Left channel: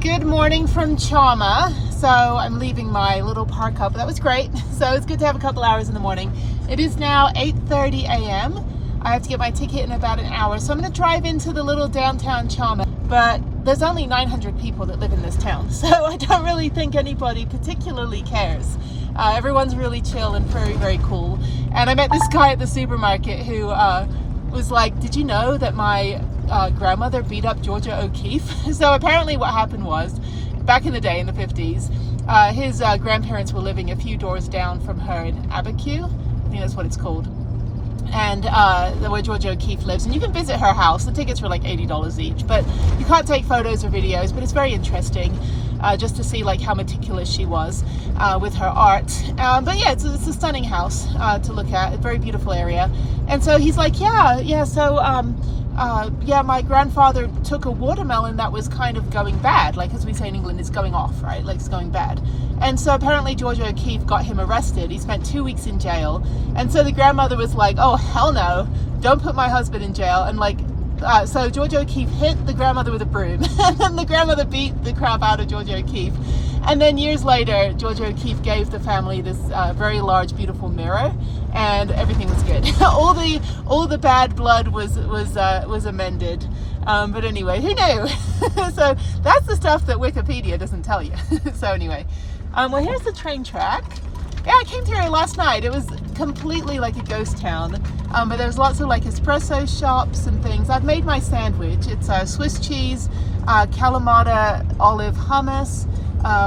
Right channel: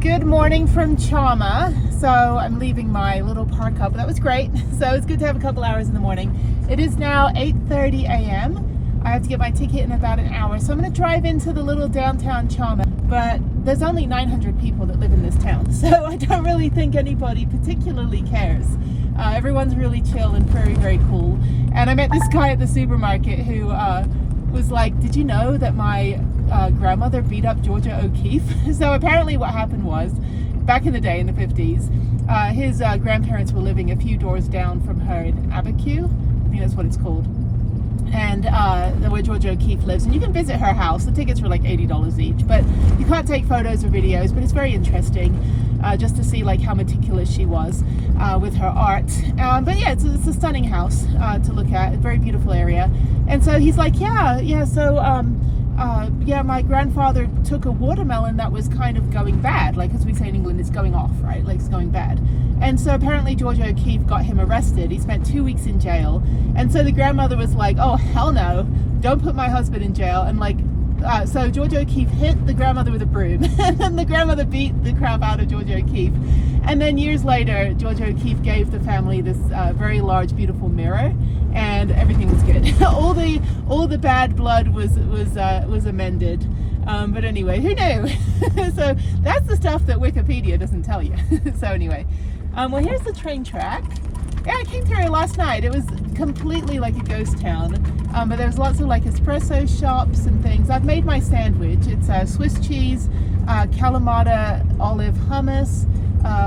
Good morning from Chama. So I'm leaving my little park up. That was great. So it's good to have a couple hours in the morning. It is now 8:30 a.m. I have to get my ticket in about an hour. So I'm going to drive into the little downtown Chama. But there's only 900 people that live in this town. So I don't really think anybody particularly cares. Everyone's really chill and very, very cool. And I met this guy at the supermarket who was like, did you know that my grandmother beat up Georgia O'Keeffe? So apparently what happened was, back in the day in the 50s, his grandparents were living a few doors down from her in Abiquiu. I think that's what it's called. And where Georgia O'Keeffe lives. And you can visit her house. The tickets were like $80 each. But you can't take photos or videos. But it's very interesting just to see like how meticulous she was with her art. But yeah, it's a stunning house to look at. A very beautiful area. And so he's like, yeah, my grandfather took a watermelon that was kind of going bad. Like, as we say in England, it's going off, right? Like, it's going bad. And so apparently Georgia O'Keeffe got him arrested. He spent 2 weeks in jail. And so the grandmother was like, oh, hell no, don't put my husband in jail. And like, so Georgia O'Keeffe hit the grandmother with a broom. And then the grandmother beat the crap out of Georgia O'Keeffe. And then years later, Georgia O'Keeffe gave the family this very large, beautiful mirror. And everything was good. all the bad blood was amended. But anyway, who knew? So that's the stuff that Wikipedia doesn't tell you. So anyway, well, here's the train track. Yeah, I came through here last night. It was completely like a ghost town. But there was lots of like espresso shops and things. I've made my sandwich. It's Swiss cheese, Kalamata olive hummus,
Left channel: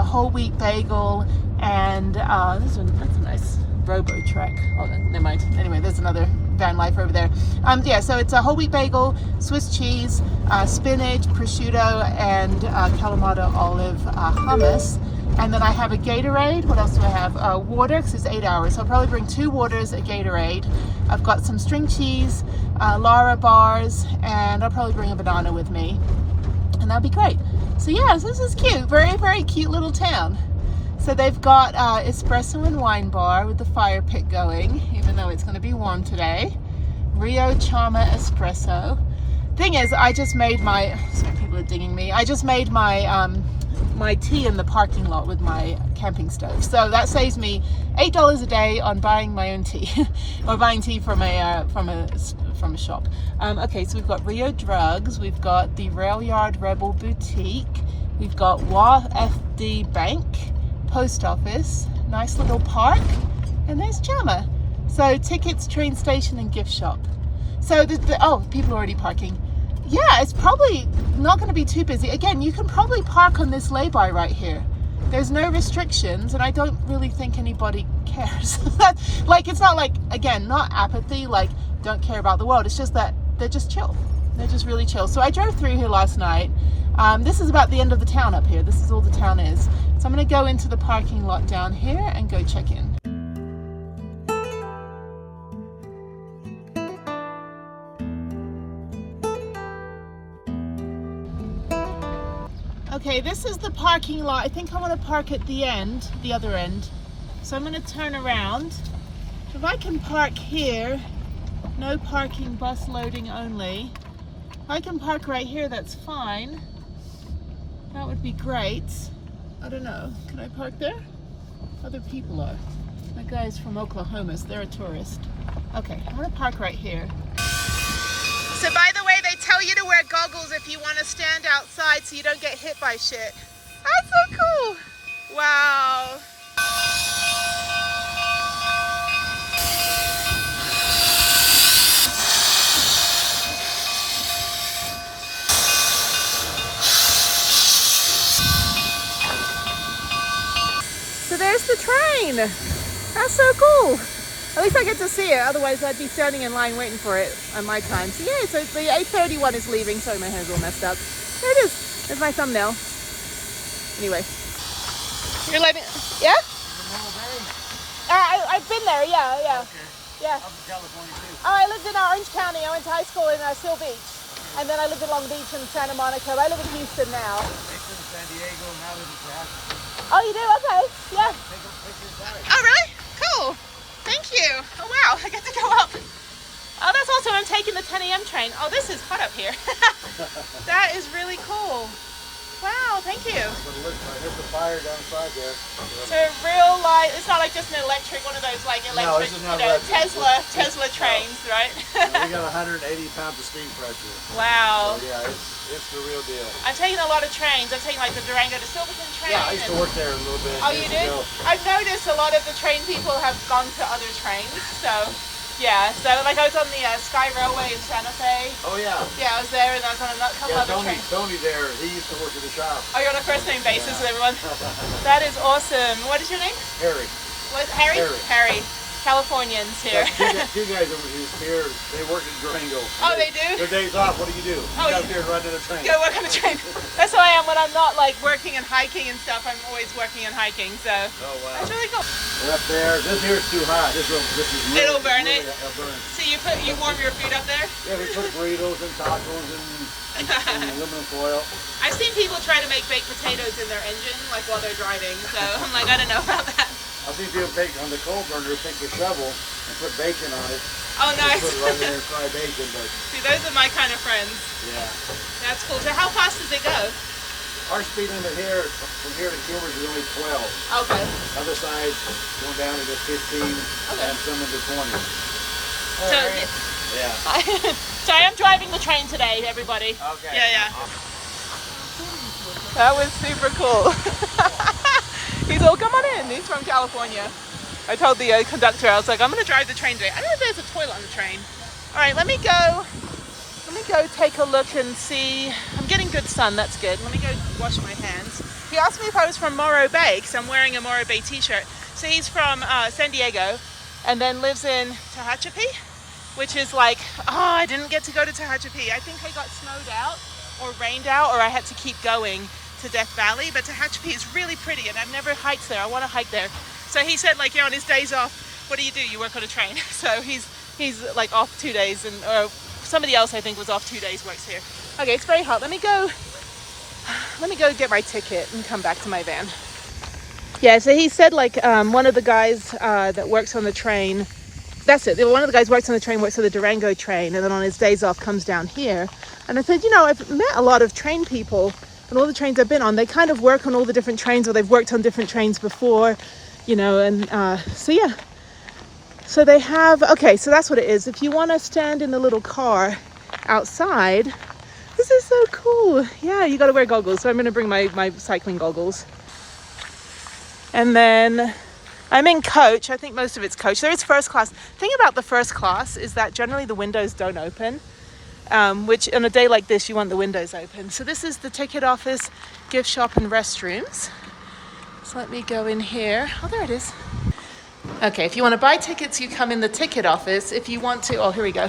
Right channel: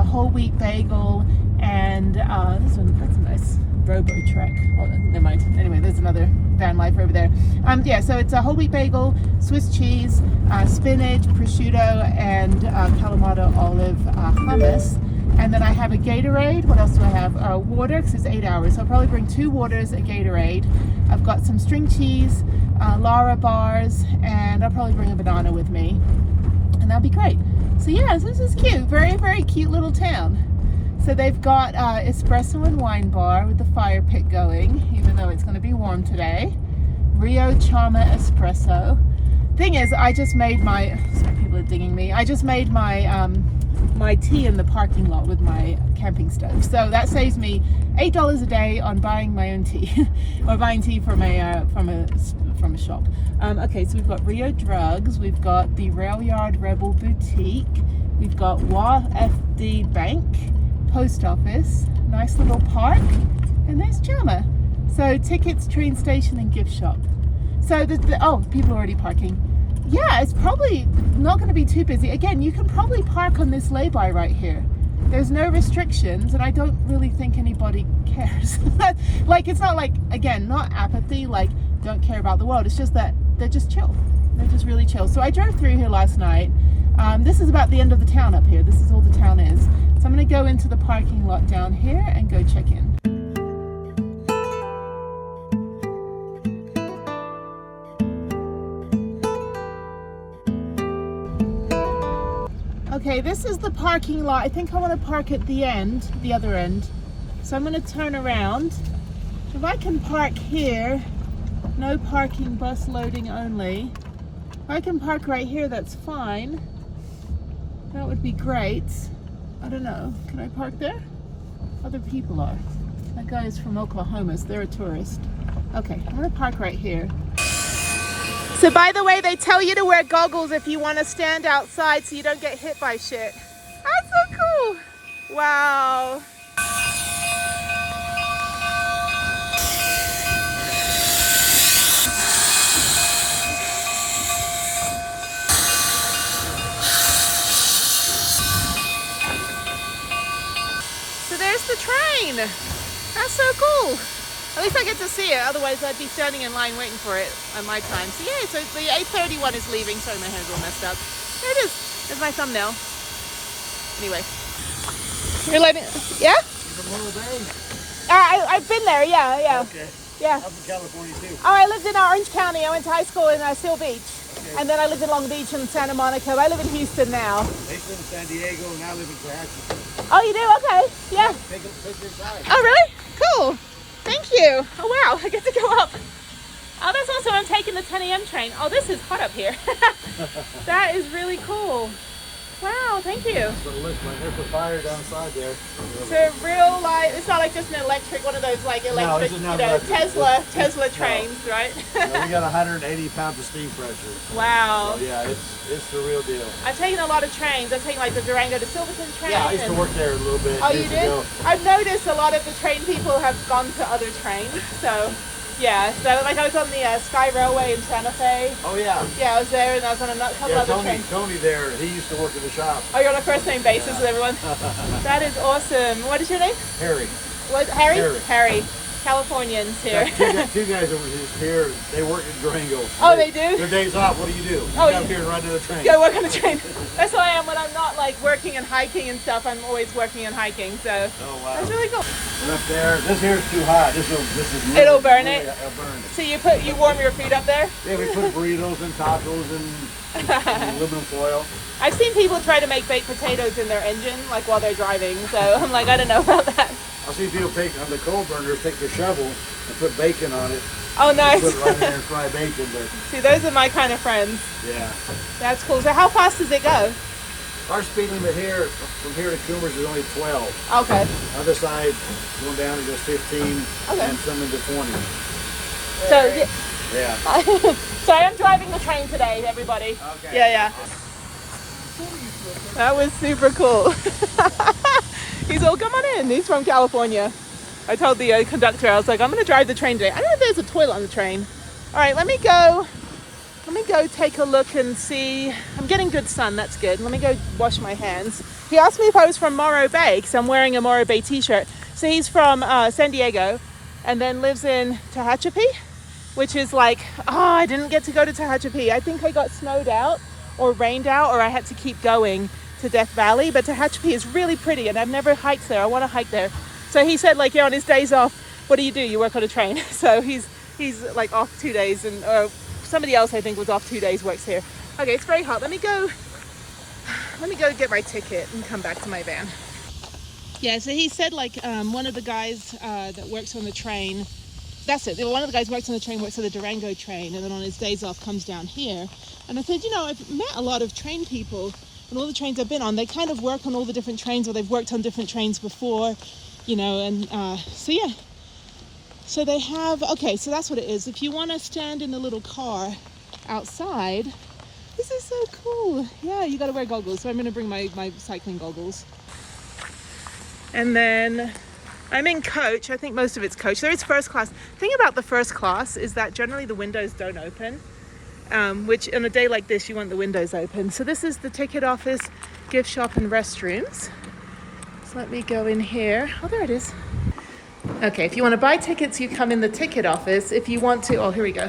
whole wheat bagel, and this one, that's a nice Robo Trek. Oh, never mind. Anyway, there's another Vanlife over there. Yeah, so it's a whole wheat bagel, Swiss cheese, spinach, prosciutto, and Kalamata olive hummus. And then I have a Gatorade. What else do I have? Water, because it's 8 hours. So I'll probably bring 2 waters, a Gatorade. I've got some string cheese, Lara bars, and I'll probably bring a banana with me. And that'll be great. So yeah, this is cute. Very, very cute little town. So they've got espresso and wine bar with the fire pit going, even though it's going to be warm today. Rio Chama espresso. Thing is, I just made my, sorry, people are dinging me. I just made my my tea in the parking lot with my camping stove. So that saves me $8 a day on buying my own tea, or buying tea from a shop. Okay, so we've got Rio Drugs, we've got the Rail Yard Rebel Boutique, we've got WAFD Bank, post office, nice little park, and there's Chama. So tickets, train station, and gift shop. So oh, people are already parking. Yeah, it's probably not going to be too busy. Again, you can probably park on this lay-by right here. There's no restrictions, and I don't really think anybody cares. Like, it's not like, again, not apathy, like don't care about the world. It's just that they're just chill. They're just really chill. So I drove through here last night. This is about the end of the town up here. This is all the town is. So I'm going to go into the parking lot down here and go check in. Okay, this is the parking lot. I think I want to park at the end, the other end. So I'm going to turn around. If I can park here, no parking, bus loading only. If I can park right here, that's fine. That would be great. I don't know. Can I park there? Other people are. That guy is from Oklahoma, so they're a tourist. Okay, I'm going to park right here. So by the way, they tell you to wear goggles if you want to stand outside so you don't get hit by shit. That's so cool. Wow. So there's the train. That's so cool. At least I get to see it, otherwise I'd be standing in line waiting for it on my time. So yeah, so the 8:31 is leaving. Sorry, my hair's all messed up. There it is. There's my thumbnail. Anyway. You're living, yeah? Is it Morro Bay? I've been there, yeah. Okay. Yeah. I'm from California too. Oh, I lived in Orange County. I went to high school in Seal Beach. Okay. And then I lived in Long Beach and Santa Monica. I live in Houston now. They live in San Diego and I live in Tallahassee. Oh, you do? Okay. Yeah. Take a picture inside. Oh, really? Cool. Thank you. Oh, wow. I get to go up. Oh, that's awesome. I'm taking the 10 a.m. train. Oh, this is hot up here. That is really cool. Wow, thank you. There's a fire downside there. So real light, it's not like just an electric, one of those like electric, this is you not know, electric. Tesla trains, right? We got 180 pounds of steam pressure. Wow. Yeah, it's the real deal. I've taken a lot of trains. I've taken like the Durango to Silverton train. Yeah, I used to work there a little bit. Oh, you did? I've noticed a lot of the train people have gone to other trains, so yeah. So like I was on the Sky Railway in Santa Fe. Oh yeah. Yeah, I was there, and I was on a couple other trains. Tony there, he used to work at the shop. Oh, you're on a first name basis with everyone? That is awesome. What is your name? Harry. What, Harry? Harry. Californians here. Two guys over here, they work in Durango. Oh, they do? Their days off, what do you do? Oh, Get up here and run to the train. Go work on the train. That's how I am when I'm not like working and hiking and stuff. I'm always working and hiking, so wow. that's really cool. And up there, this here is too hot. This is really, It'll burn it? It'll burn it. So you warm your food up there? Yeah, we put burritos and tacos and aluminum foil. I've seen people try to make baked potatoes in their engine, like while they're driving. So I'm like, I don't know about that. I see people take on the coal burner, take the shovel and put bacon on it. Oh, nice. Put it right there and fry bacon. But See, those are my kind of friends. yeah. That's cool. So how fast does it go? Our speed limit here, from here to Cumbres is only 12. Okay. Other side, going down to 15 and some into 20. So Yeah. so I am driving the train today, everybody. Okay. Yeah. That was super cool. He's all, come on in. He's from California. I told the conductor, I was like, I'm going to drive the train today. I don't know if there's a toilet on the train. All right, let me go take a look and see. I'm getting good sun, that's good. Let me go wash my hands. He asked me if I was from Morro Bay, because I'm wearing a Morro Bay t-shirt. So he's from San Diego and then lives in Tehachapi, which is like, I didn't get to go to Tehachapi. I think I got snowed out or rained out, or I had to keep going to Death Valley. But Tehachapi is really pretty, and I've never hiked there. I want to hike there. So he said, like, yeah, on his days off, what do? You work on a train. So he's like off 2 days, and somebody else I think was off 2 days, works here. Okay, it's very hot. Let me go get my ticket and come back to my van. Yeah, so he said like one of the guys that works on the train, that's it. One of the guys works on the train, works on the Durango train, and then on his days off comes down here. And I said, I've met a lot of train people, and all the trains I've been on, they kind of work on all the different trains, or they've worked on different trains before, and so yeah. So they have, okay, so that's what it is. If you want to stand in the little car outside, this is so cool. Yeah, you got to wear goggles. So I'm going to bring my cycling goggles. And then I'm in coach. I think most of it's coach. There is first class. The thing about the first class is that generally the windows don't open, which on a day like this, you want the windows open. So this is the ticket office, gift shop, and restrooms. So let me go in here. Oh, there it is. Okay, if you want to buy tickets, you come in the ticket office. If you want to, oh, here we go.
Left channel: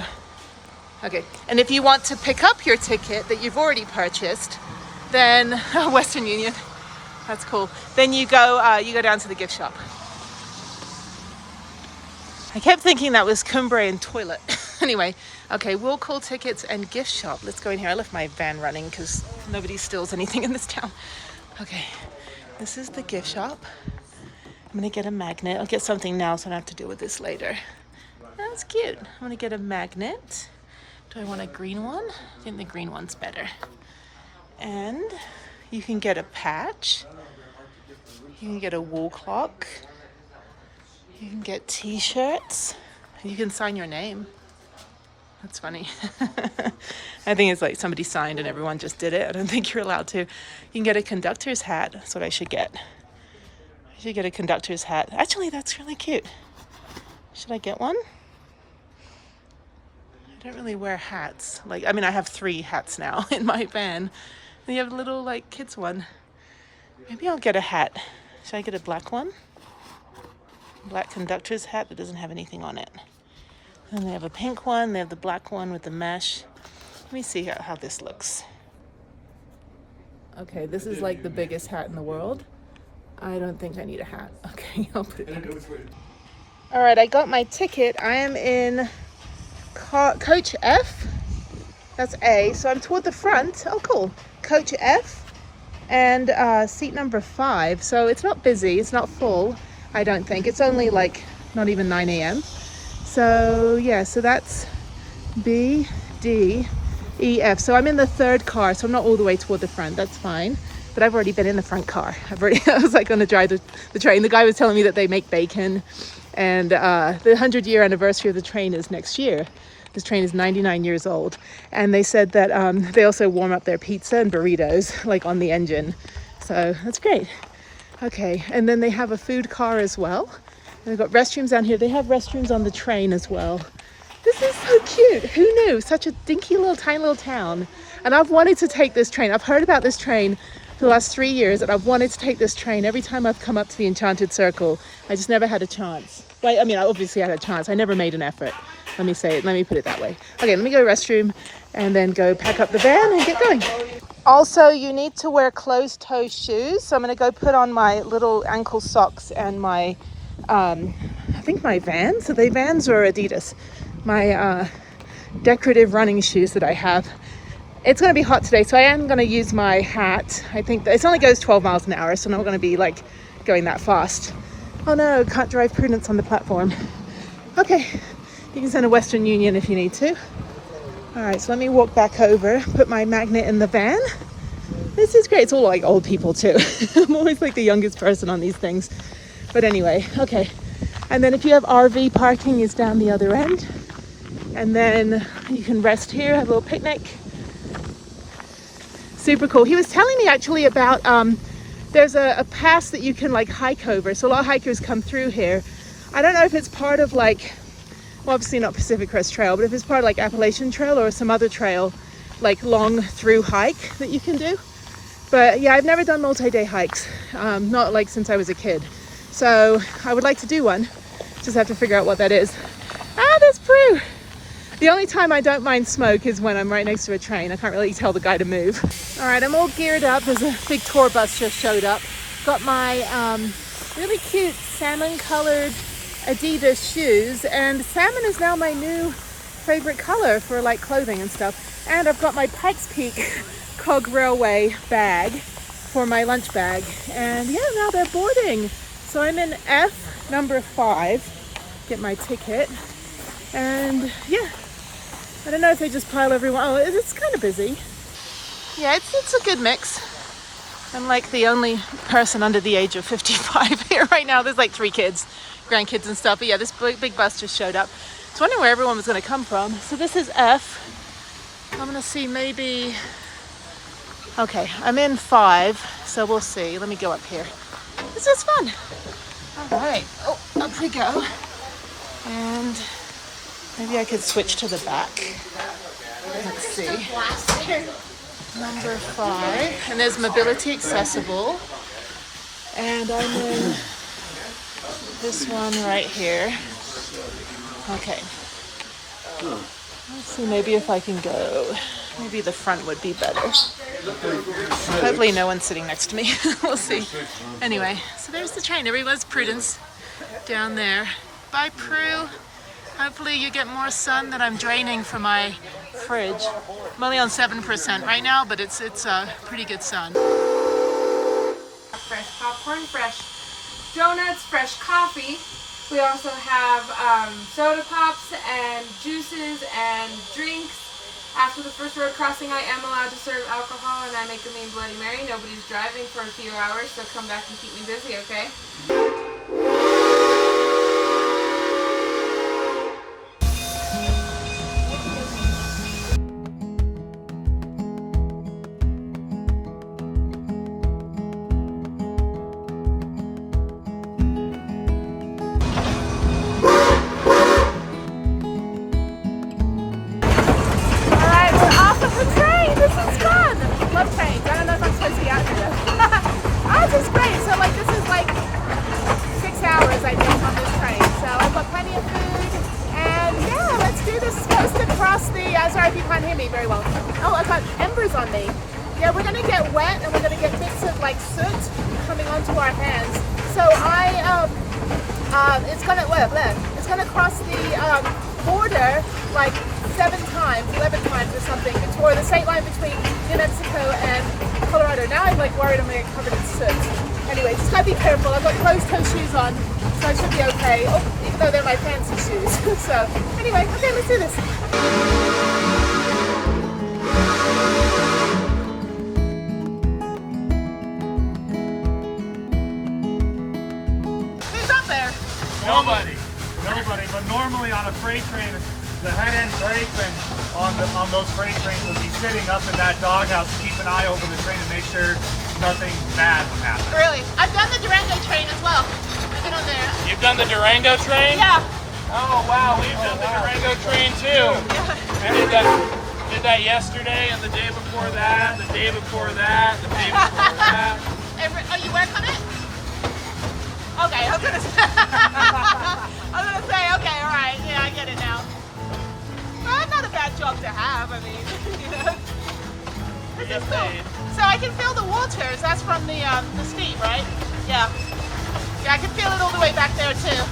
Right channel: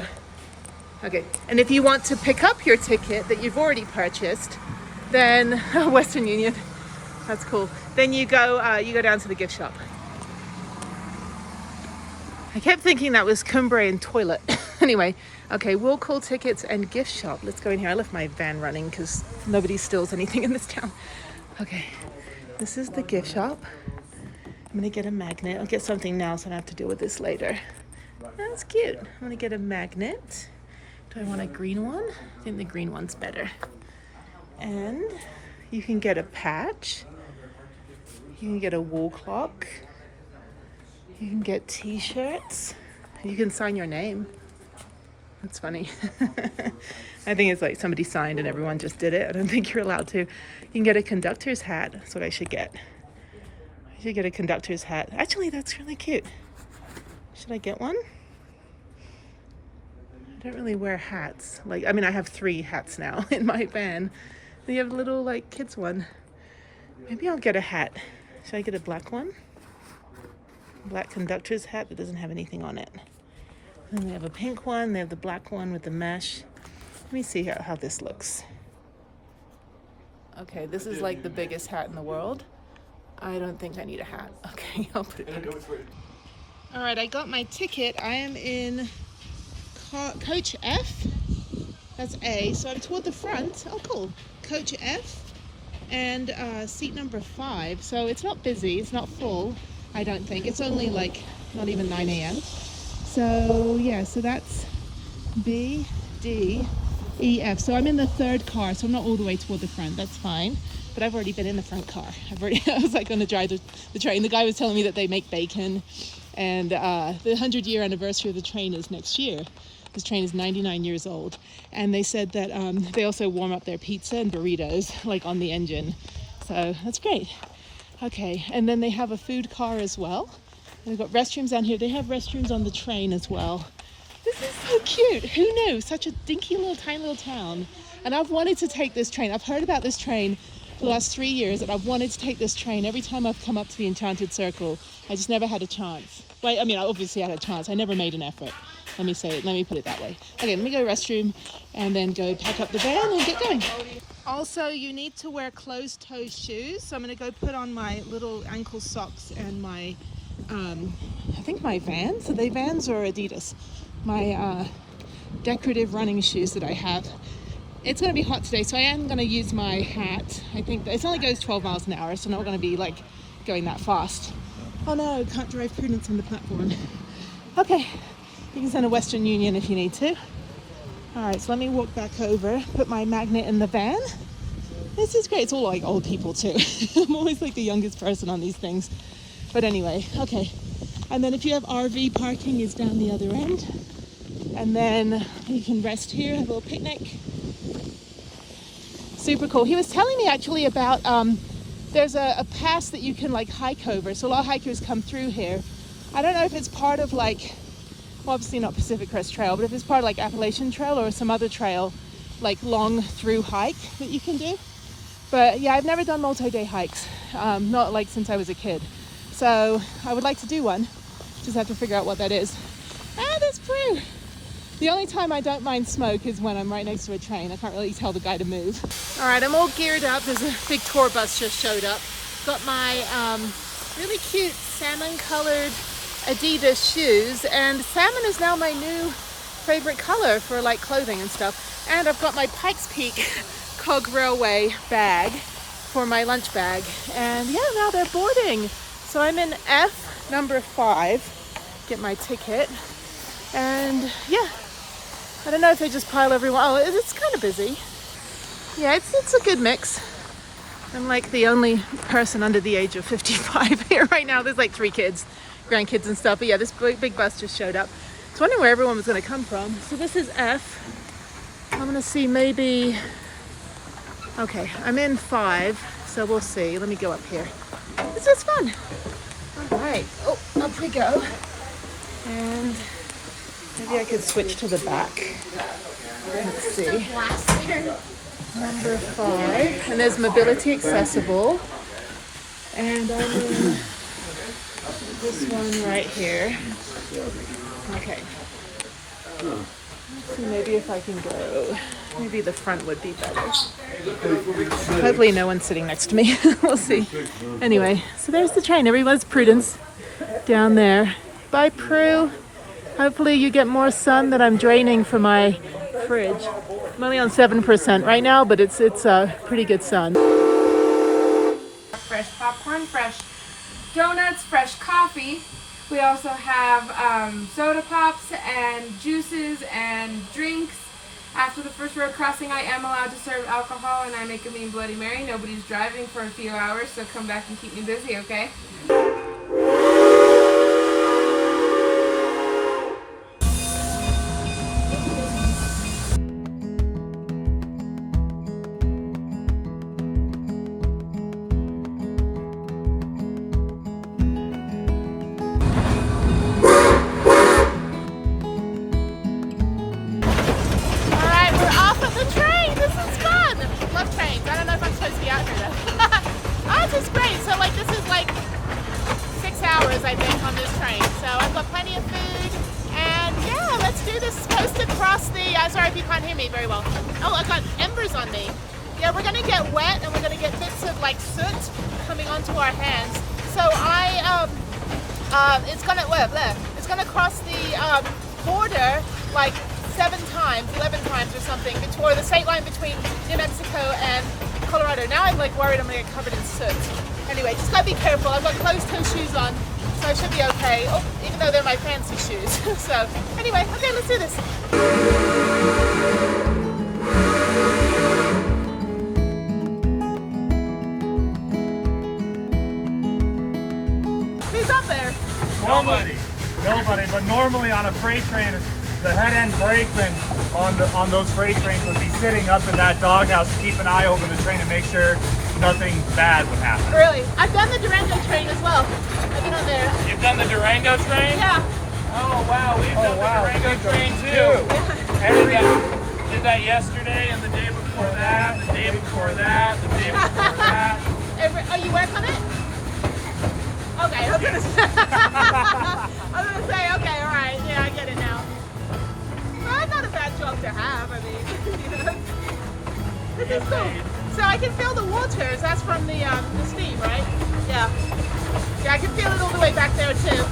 Okay, and if you want to pick up your ticket that you've already purchased, then Western Union, that's cool. Then you go down to the gift shop. I kept thinking that was Cumbres and toilet. Anyway, okay, we'll call tickets and gift shop. Let's go in here. I left my van running because nobody steals anything in this town. Okay, this is the gift shop. I'm gonna get a magnet. I'll get something now so I don't have to deal with this later. That's cute. I'm gonna get a magnet. Do I want a green one? I think the green one's better. And you can get a patch. You can get a wall clock. You can get t-shirts. You can sign your name. That's funny. I think it's like somebody signed and everyone just did it. I don't think you're allowed to. You can get a conductor's hat. That's what I should get. I should get a conductor's hat. Actually, that's really cute. Should I get one? I don't really wear hats. I have 3 hats now in my van. And you have a little kids one. Maybe I'll get a hat. Should I get a black one? Black conductor's hat that doesn't have anything on it. And they have a pink one. They have the black one with the mesh. Let me see how this looks. Okay, this is like the biggest hat in the world. I don't think I need a hat. Okay, I'll put it back. All right, I got my ticket. I am in coach F. That's A. So I'm toward the front. Oh, cool. Coach F and seat number 5. So it's not busy. It's not full, I don't think. It's only not even 9 a.m. So yeah, so that's B, D, E, F. So I'm in the 3rd car, so I'm not all the way toward the front. That's fine. but I've already been in the front car. I was like going to drive the train. The guy was telling me that they make bacon, and the 100-year anniversary of the train is next year. This train is 99 years old, and they said that they also warm up their pizza and burritos like on the engine. So that's great. Okay, and then they have a food car as well. And they've got restrooms down here. They have restrooms on the train as well. This is so cute. Who knew? Such a dinky little tiny little town. And I've wanted to take this train. I've heard about this train for the last 3 years, and I've wanted to take this train every time I've come up to the Enchanted Circle. I just never had a chance. Well, I mean, I obviously had a chance. I never made an effort. Let me put it that way. Okay, let me go to the restroom and then go pack up the van and get going. Also, you need to wear closed-toe shoes. So I'm going to go put on my little ankle socks and my, I think my Vans. So they Vans or Adidas. My decorative running shoes that I have. It's going to be hot today, so I am going to use my hat. I think that it only goes 12 miles an hour, so I'm not going to be like going that fast. Oh no, can't drive Prudence on the platform. Okay, you can send a Western Union if you need to. All right, so let me walk back over, put my magnet in the van. This is great. It's all like old people too. I'm always like the youngest person on these things. But anyway, okay. And then if you have RV parking is down the other end. And then you can rest here, have a little picnic. Super cool. He was telling me actually about, there's a pass that you can like hike over. So a lot of hikers come through here. I don't know if it's part of like, well, obviously not Pacific Crest Trail, but if it's part of like Appalachian Trail or some other trail, like long through hike that you can do. But yeah, I've never done multi-day hikes, not like since I was a kid. So I would like to do one, just have to figure out what that is. Ah, there's Prue. The only time I don't mind smoke is when I'm right next to a train. I can't really tell the guy to move. All right, I'm all geared up. There's a big tour bus just showed up. Got my really cute salmon colored Adidas shoes, and salmon is now my new favorite color for like clothing and stuff. And I've got my Pikes Peak Cog Railway bag for my lunch bag, and yeah, now they're boarding. So I'm in F number 5, get my ticket, and yeah, I don't know if they just pile everyone. Oh, it's kind of busy. Yeah, it's a good mix. I'm like the only person under the age of 55 here right now. There's like 3 kids, grandkids and stuff. But yeah, this big bus just showed up. I was wondering where everyone was going to come from. So this is F. I'm going to see maybe, okay, I'm in 5. So we'll see. Let me go up here. This is fun. All right. Oh, up we go. And maybe I could switch to the back. Let's see. Number 5. And there's mobility accessible. And I'm in this one right here. Okay. Let's see, maybe if I can go. Maybe the front would be better. Hopefully no one's sitting next to me. We'll see. Anyway, so there's the train. Everyone's Prudence down there. Bye, Prue. Hopefully you get more sun that I'm draining from my fridge. I'm only on 7% right now, but it's pretty good sun. Fresh popcorn, fresh donuts, fresh coffee. We also have soda pops and juices and drinks. After the first road crossing, I am allowed to serve alcohol, and I make a mean Bloody Mary. Nobody's driving for a few hours, so come back and keep me busy, okay? Sorry if you can't hear me very well. Oh, I got embers on me. Yeah, we're gonna get wet and we're gonna get bits of like soot coming onto our hands. So it's gonna cross the border like 7 times, 11 times or something, or the state line between New Mexico and Colorado. Now I'm like worried I'm gonna get covered in soot. Anyway, just gotta be careful. I've got closed-toe shoes on, so I should be okay. Oh, even though they're my fancy shoes. So anyway, okay, let's do this. Nobody. But normally on a freight train, the head end brakeman on those freight trains would be sitting up in that doghouse to keep an eye over the train and make sure nothing bad would happen. Really? I've done the Durango train as well. I've been on there. You've done the Durango train? Yeah. Oh wow, we've done the Durango train too. Yeah. I did that yesterday and the day before that, the day before that, the day before that. Oh, you work on it? Okay, I was gonna say. Okay, all right. Yeah, I get it now. Well, not a bad job to have. I mean, you know. This is cool. So I can feel the waters. That's from the steam, right? Yeah. Yeah, I can feel it all the way back there too.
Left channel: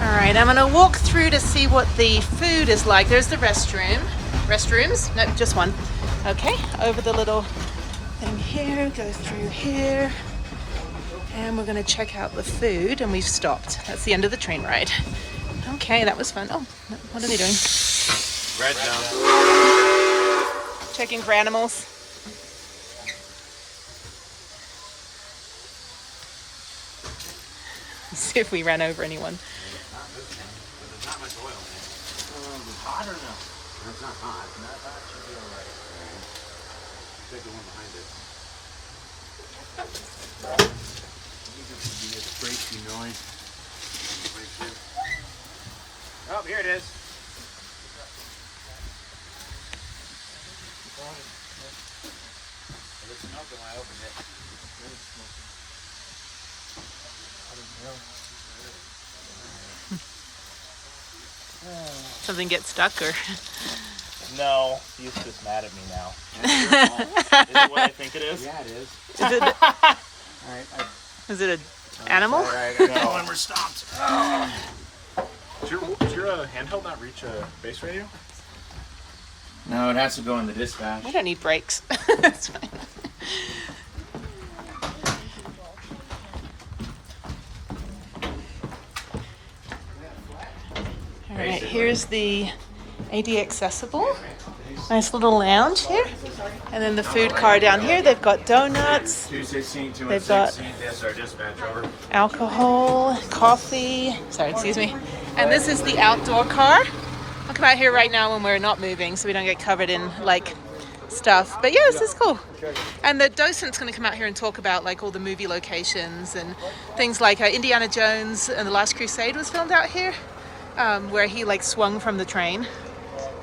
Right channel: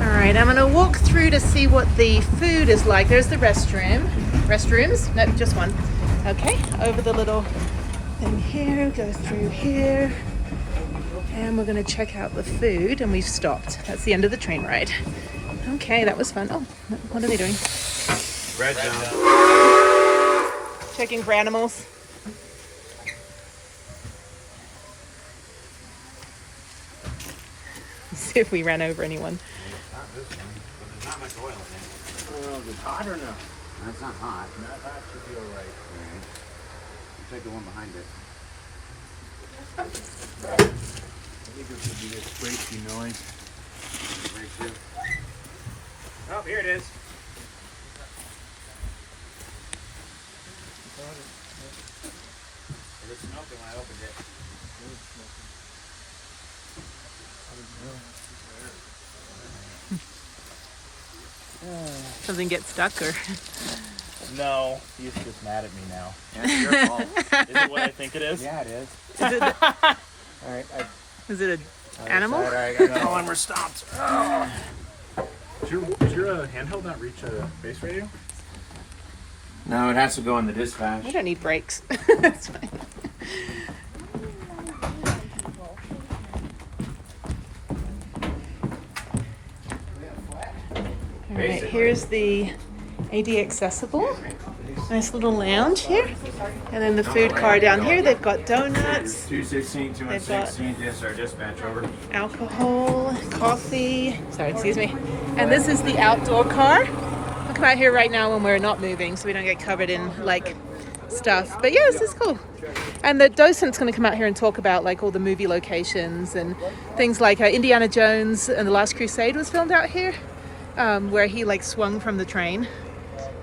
All right, I'm gonna walk through to see what the food is like. There's the restroom. Restrooms? No, just one. Okay, over the little thing here, go through here. And we're gonna check out the food, and we've stopped. That's the end of the train ride. Okay, that was fun. Oh, what are they doing? Red zone. Checking for animals. Let's see if we ran over anyone. There's not much oil in it. It's hot or no? That's not hot. Not hot should be alright. Take the one behind it. I think this would be a squeaky noise. Oh, here it is. It smelled when I opened it. Something get stuck or? No, he's just mad at me now. Yeah, it's your fault. Is it what I think it is? Yeah, it is. Alright, Is it an animal? Alright, I know when we're stopped. Oh. Does your handheld not reach a base radio? No, it has to go in the dispatch. We don't need brakes. That's fine. All right, here's the AD accessible. Nice little lounge here. And then the food car down here. They've got donuts. 216, They've got 216, yes, our dispatch over. alcohol, coffee. Sorry, excuse me. And this is the outdoor car. I'll come out here right now when we're not moving so we don't get covered in like stuff. But yeah, this is cool. And the docent's going to come out here and talk about like all the movie locations and things like Indiana Jones and the Last Crusade was filmed out here, where he like swung from the train.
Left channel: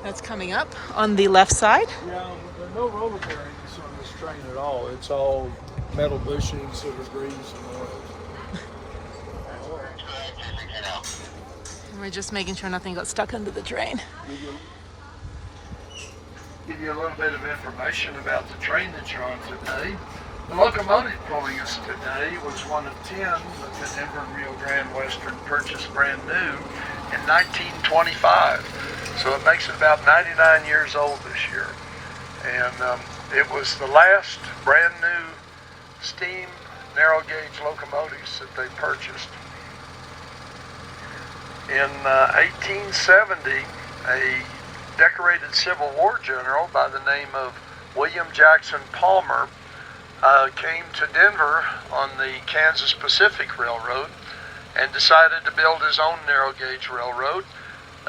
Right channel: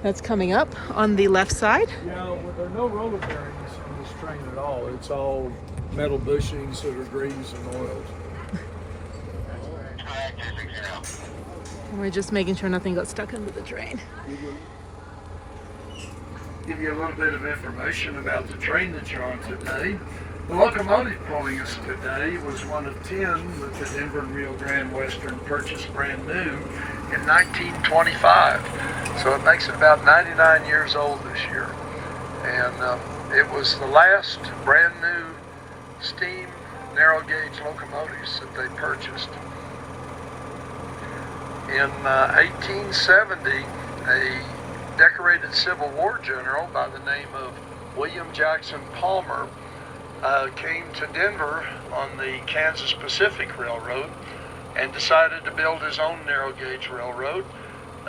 That's coming up on the left side. Yeah, there are no roller bearings on this train at all. It's all metal bushings that are greased and oiled. And we're just making sure nothing got stuck under the train. Give you a little bit of information about the train that you're on today. The locomotive pulling us today was one of 10 that the Denver and Rio Grande Western purchased brand new in 1925. So it makes it about 99 years old this year. And it was the last brand new steam narrow gauge locomotives that they purchased. In 1870, a decorated Civil War general by the name of William Jackson Palmer came to Denver on the Kansas Pacific Railroad and decided to build his own narrow gauge railroad.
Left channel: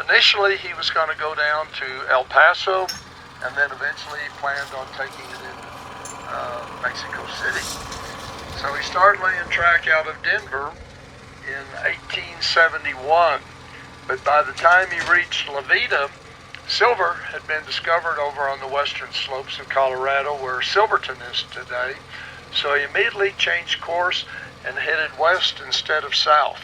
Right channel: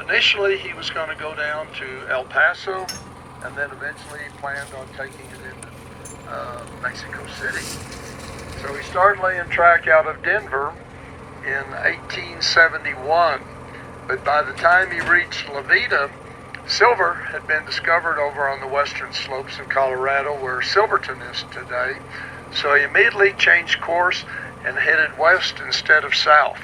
Initially, he was going to go down to El Paso, and then eventually he planned on taking it into Mexico City. So he started laying track out of Denver in 1871, but by the time he reached La Veta, silver had been discovered over on the western slopes of Colorado where Silverton is today. So he immediately changed course and headed west instead of south.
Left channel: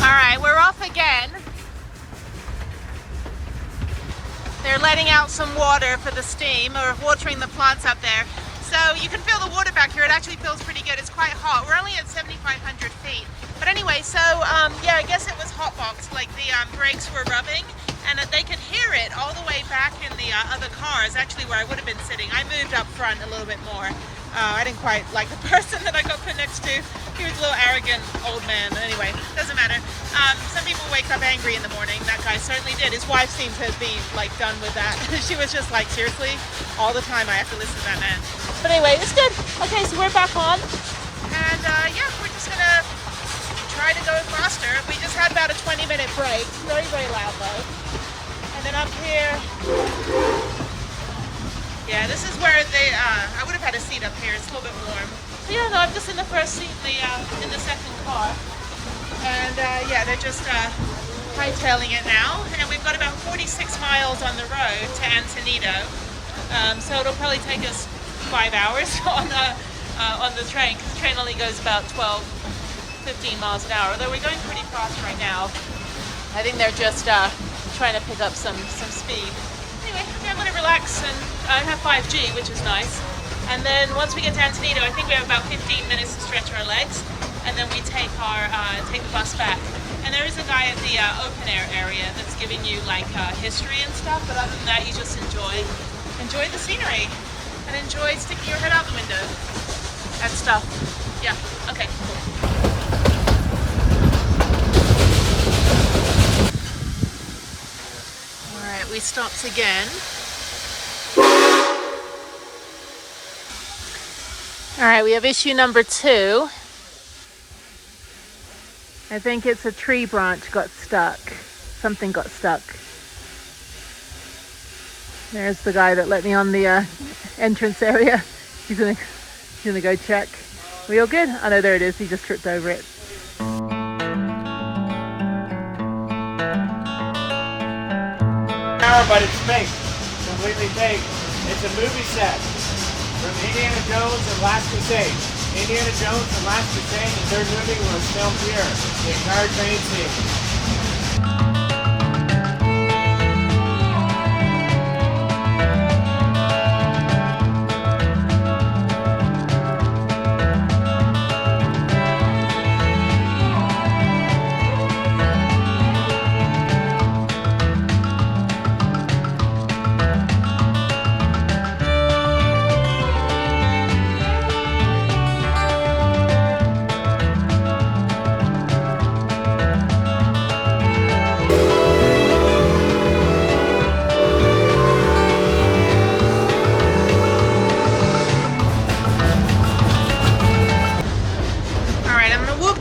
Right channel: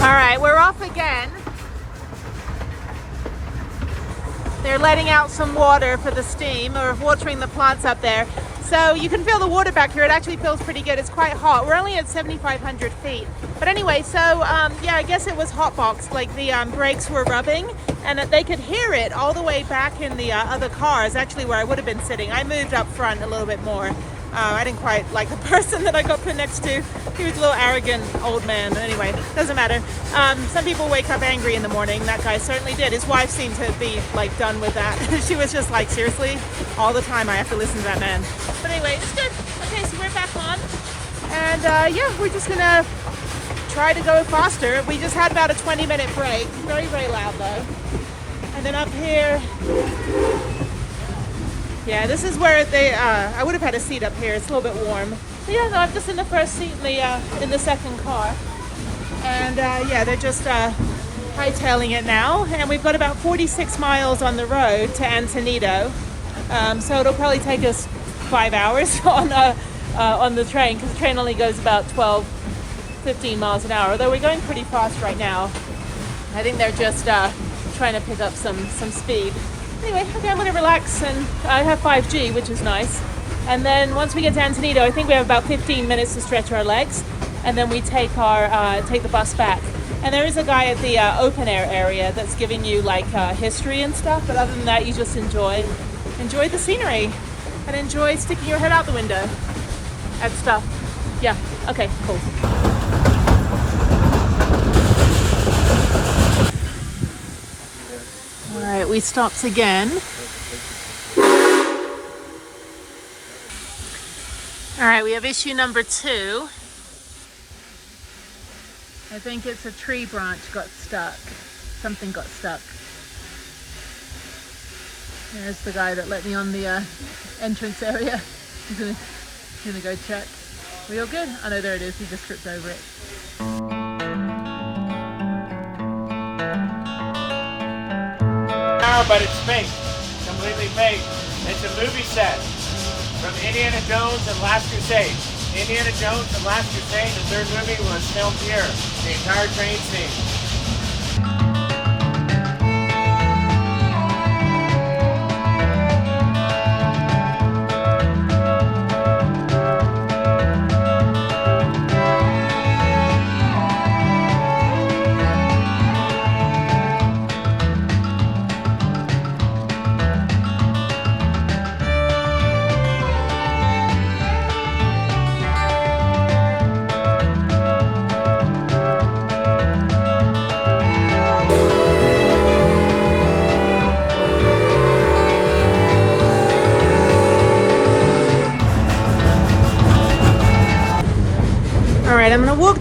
All right, we're off again. They're letting out some water for the steam, or watering the plants up there. So you can feel the water back here. It actually feels pretty good. It's quite hot. We're only at 7,500 feet. But anyway, so yeah, I guess it was hotboxed, like the brakes were rubbing, and they could hear it all the way back in the other cars, actually where I would have been sitting. I moved up front a little bit more. I didn't quite like the person that I got put next to. He was a little arrogant old man. Anyway, doesn't matter. Some people wake up angry in the morning. That guy certainly did. His wife seemed to be like done with that. She was just like, seriously, all the time I have to listen to that man. But anyway, it's good. Okay, so we're back on. And yeah, we're just gonna try to go faster. We just had about a 20-minute break. Not very loud though. And then up here, yeah, this is where they, I would have had a seat up here. It's a little bit warm. So yeah, no, I'm just in the first seat in the second car. And yeah, they're just hightailing it now. And we've got about 46 miles on the road to Antonito. So it'll probably take us 5 hours on the train, because the train only goes about 12-15 miles an hour. Although we're going pretty fast right now. I think they're just trying to pick up some speed. Anyway, okay, I'm gonna relax, and I have 5G, which is nice. And then once we get to Antonito, I think we have about 15 minutes to stretch our legs, and then we take the bus back. And there is a guy at the open air area that's giving you like history and stuff. But other than that, you just enjoy the scenery and enjoy sticking your head out the window at stuff. Yeah. Okay. Cool. All right, we stopped again. All right, we have issue number 2. I think it's a tree branch got stuck. Something got stuck. There's the guy that let me on the entrance area. He's gonna go check. We all good? Oh no, there it is. He just tripped over it. But it's fake, completely fake. It's a movie set from Indiana Jones and Last Crusade. Indiana Jones and Last Crusade, the third movie, was filmed here. The entire train scene.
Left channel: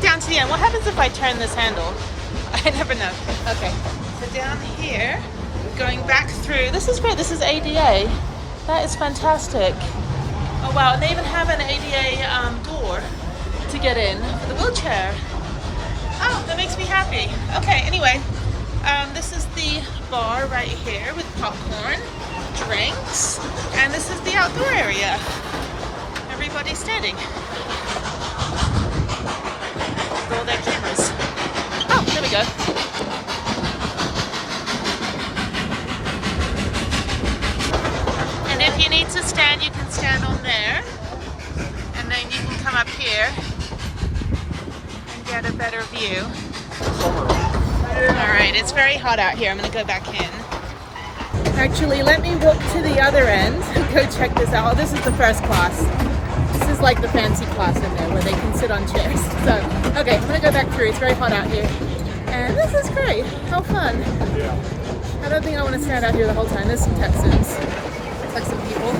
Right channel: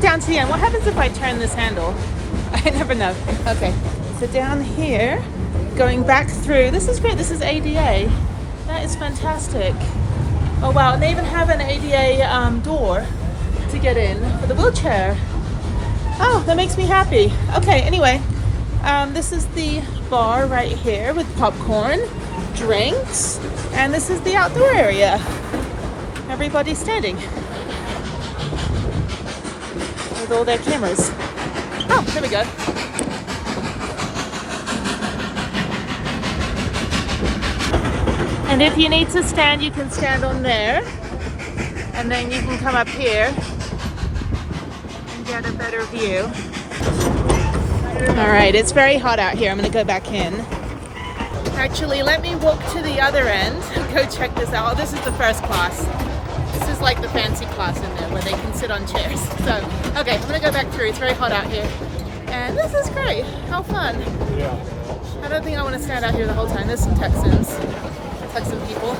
Down to the end. What happens if I turn this handle? I never know. Okay, so down here, going back through. This is great. This is ADA. That is fantastic. Oh wow, and they even have an ADA door to get in for the wheelchair. Oh, that makes me happy. Okay, anyway, this is the bar right here with popcorn, drinks, and this is the outdoor area. Everybody's standing. With all their cameras. Oh, there we go. And if you need to stand, you can stand on there. And then you can come up here and get a better view. All right, it's very hot out here. I'm gonna go back in. Actually, let me walk to the other end and go check this out. Oh, this is the first class. This is like the fancy class in there where they can sit on chairs. So, okay, I'm gonna go back through. It's very hot out here. And this is great. How fun. I don't think I want to stand out here the whole time. There's some Texans. Texan people.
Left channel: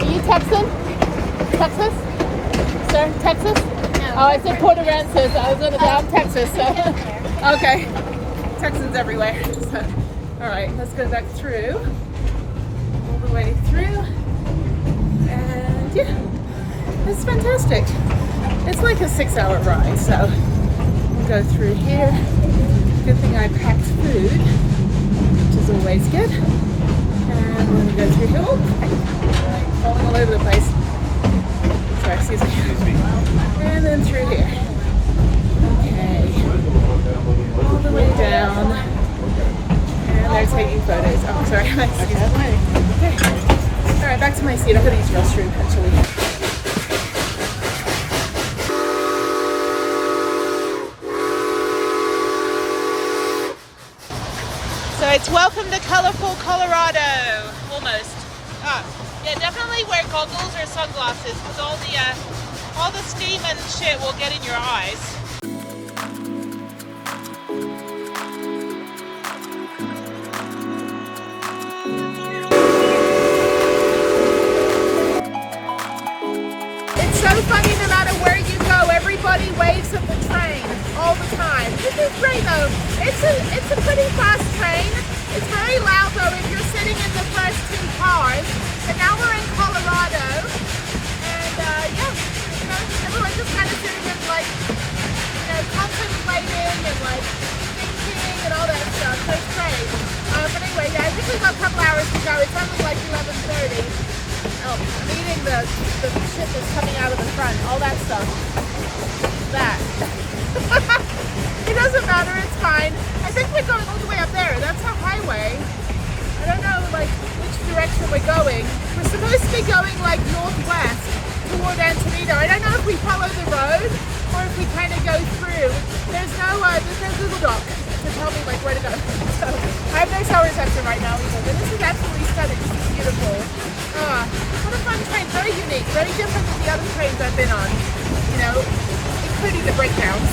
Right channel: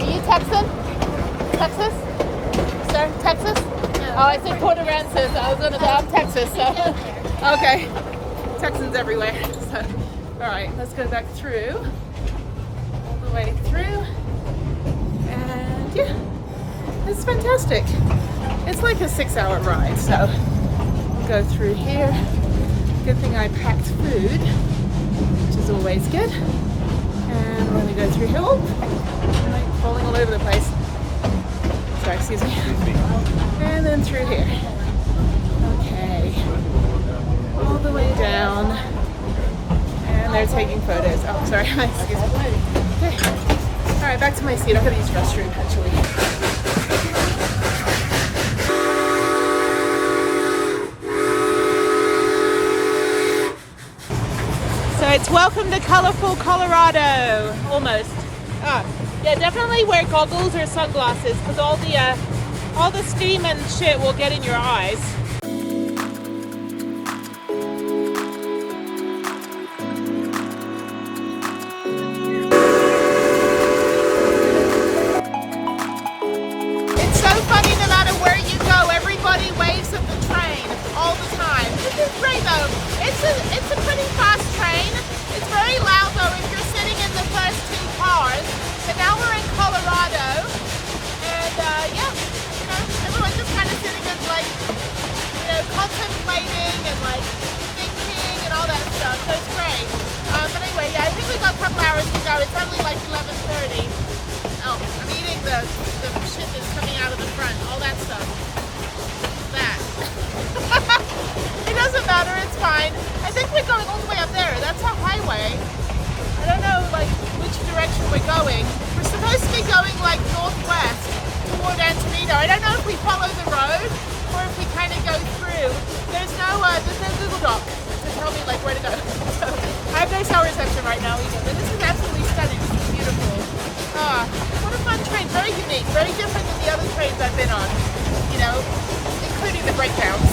Are you Texan? Texas? Sir, Texas? Oh, I said Port Aransas. I was gonna say I'm Texas, so. Okay. Texans everywhere. So, all right, let's go back through. All the way through. And yeah, it's fantastic. It's like a 6-hour ride, so we'll go through here. Good thing I packed food, which is always good. And we're gonna go through here. Oh, like falling all over the place. Sorry, excuse me. And then through here. Okay. All the way down. And they're taking photos. Oh, sorry, excuse me. Okay. All right, back to my seat. I've got to use the restroom, actually. So it's welcome to colorful Colorado, almost. Oh, yeah, definitely definitely wear goggles or sunglasses because all the steam and shit will get in your eyes. It's so funny, no matter where you go, everybody waves at the train all the time. This is great though. It's a pretty fast train. It's very loud though if you're sitting in the first two cars. And now we're in Colorado, and yeah, you know, everyone's just kind of sitting and like, you know, contemplating and like thinking and all that stuff. So it's great. But anyway, yeah, I usually got a couple hours to go. It's only like 11:30. Oh, I'm eating the shit that's coming out of the front, all that stuff. That. It doesn't matter, it's fine. I think we're going all the way up there. That's a highway. I don't know like which direction we're going. We're supposed to be going like northwest toward Antonito. I don't know if we follow the road or if we kind of go through. There's no Google Doc to tell me like where to go. So I have no cell reception right now either. But this is absolutely stunning. It's beautiful. What a fun train. Very unique. Very different than the other trains I've been on. You know, including the breakdowns.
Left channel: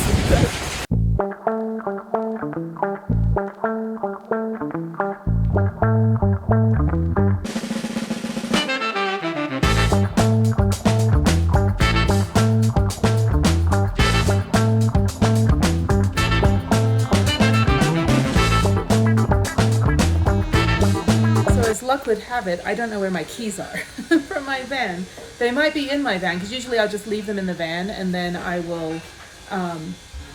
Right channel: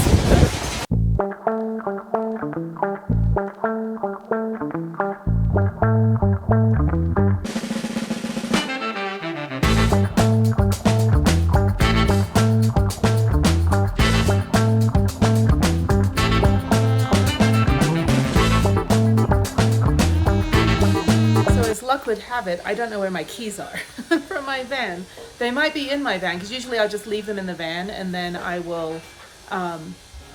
Luck would have it, I don't know where my keys are from my van. They might be in my van because usually I'll just leave them in the van and then I will, I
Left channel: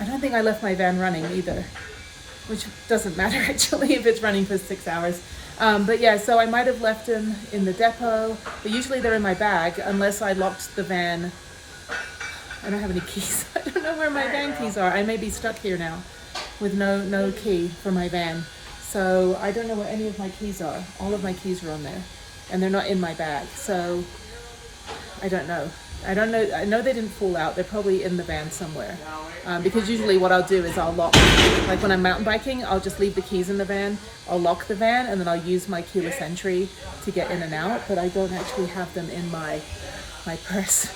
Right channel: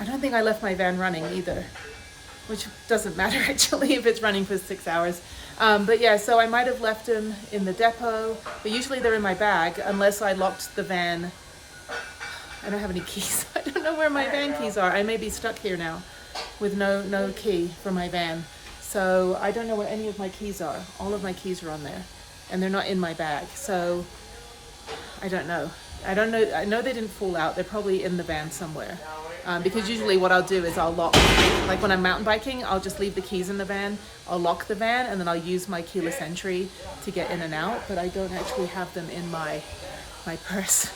don't think I left my van running either, which doesn't matter actually if it's running for 6 hours. But yeah, so I might have left them in the depot, but usually they're in my bag unless I locked the van. I don't have any keys. I don't know where my van keys are. I may be stuck here now with no key for my van. So I don't know where any of my keys are. All of my keys are on there and they're not in my bag. So I don't know. I know they didn't fall out. They're probably in the van somewhere. Because usually what I'll do is I'll lock, like when I'm mountain biking, I'll just leave the keys in the van. I'll lock the van and then I'll use my keyless entry to get in and out. But I don't actually have them in my purse,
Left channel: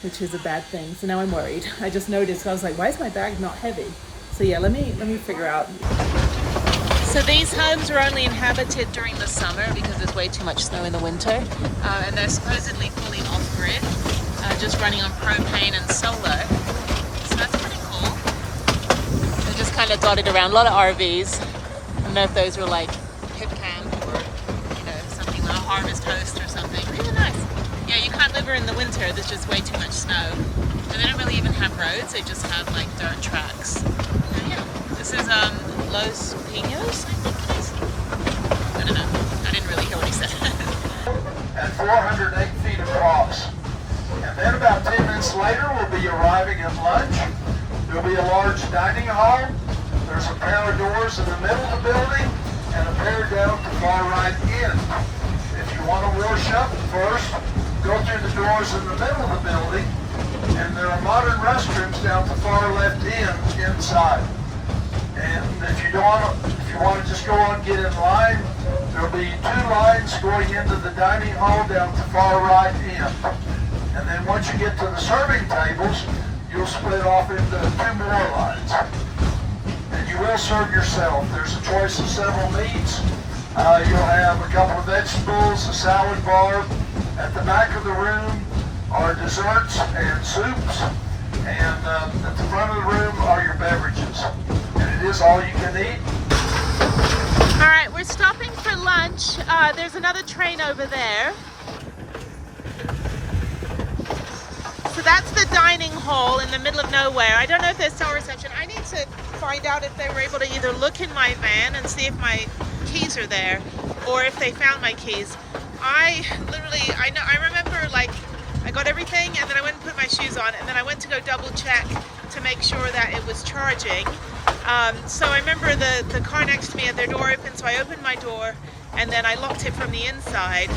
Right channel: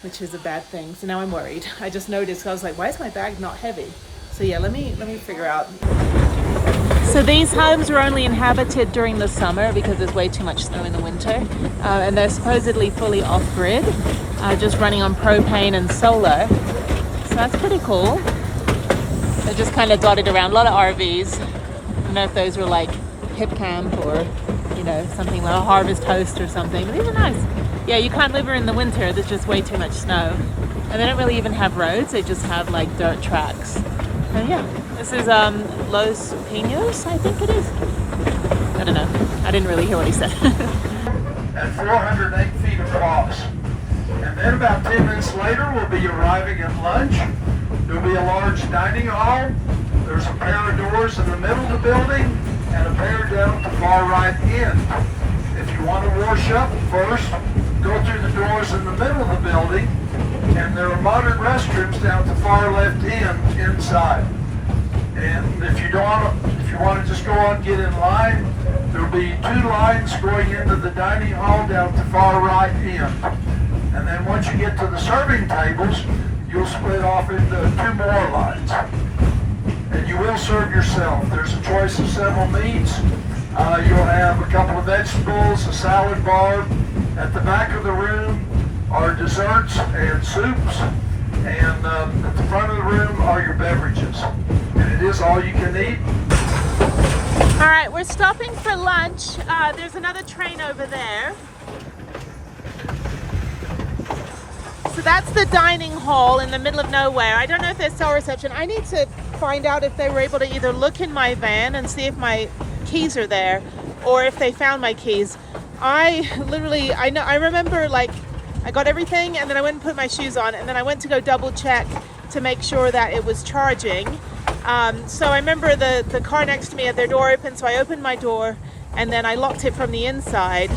which is a bad thing. So now I'm worried. I just noticed, I was like, why is my bag not heavy? So yeah, let me figure out. So these homes were only inhabited during the summer because there's way too much snow in the winter. And they're supposedly fully off-grid, just running on propane and solar. So that's pretty cool. They're just kind of dotted around, a lot of RVs. I don't know if those were like hip camp or, you know, something like a harvest host or something. These are nice. Yeah, you can't live here in the winter. There's just way too much snow. And they don't really even have roads. They just have like dirt tracks. And yeah. This is Los Pinos, I think it is. I don't know. I didn't really hear what he said. And 408 feet across. And then about 10 minutes later, we'll be arriving at lunch. There'll be a large dining hall. There's a pair of doors in the middle of the building and a pair down at the far right end. If you want to wash up first, go through the doors in the middle of the building, and there are modern restrooms down at the far left end inside. And if you want to just go on and get in line, there'll be 2 lines going into the dining hall down the far right end. And then once you get to the serving tables, you'll split off into 2 more lines. And you will serve yourself. There's a choice of several meats. You'll have a couple of vegetables, a salad bar. At the back of the room are desserts and soups. And at the front of the room are your beverages. And it is all you can eat. All right, we're stopping for lunch. There's another train over there. So that's the dining hall in the middle of nowhere. I don't know if there's cell reception. I need to find out if they were able to either look in my van and see if my keys are there or if they found my keys. I remember like I got everything and then I went and put my shoes on and then I went to go double check to make sure that it was charging. So I remember the car next to me had their door open, so I opened my door and then I locked it from the inside.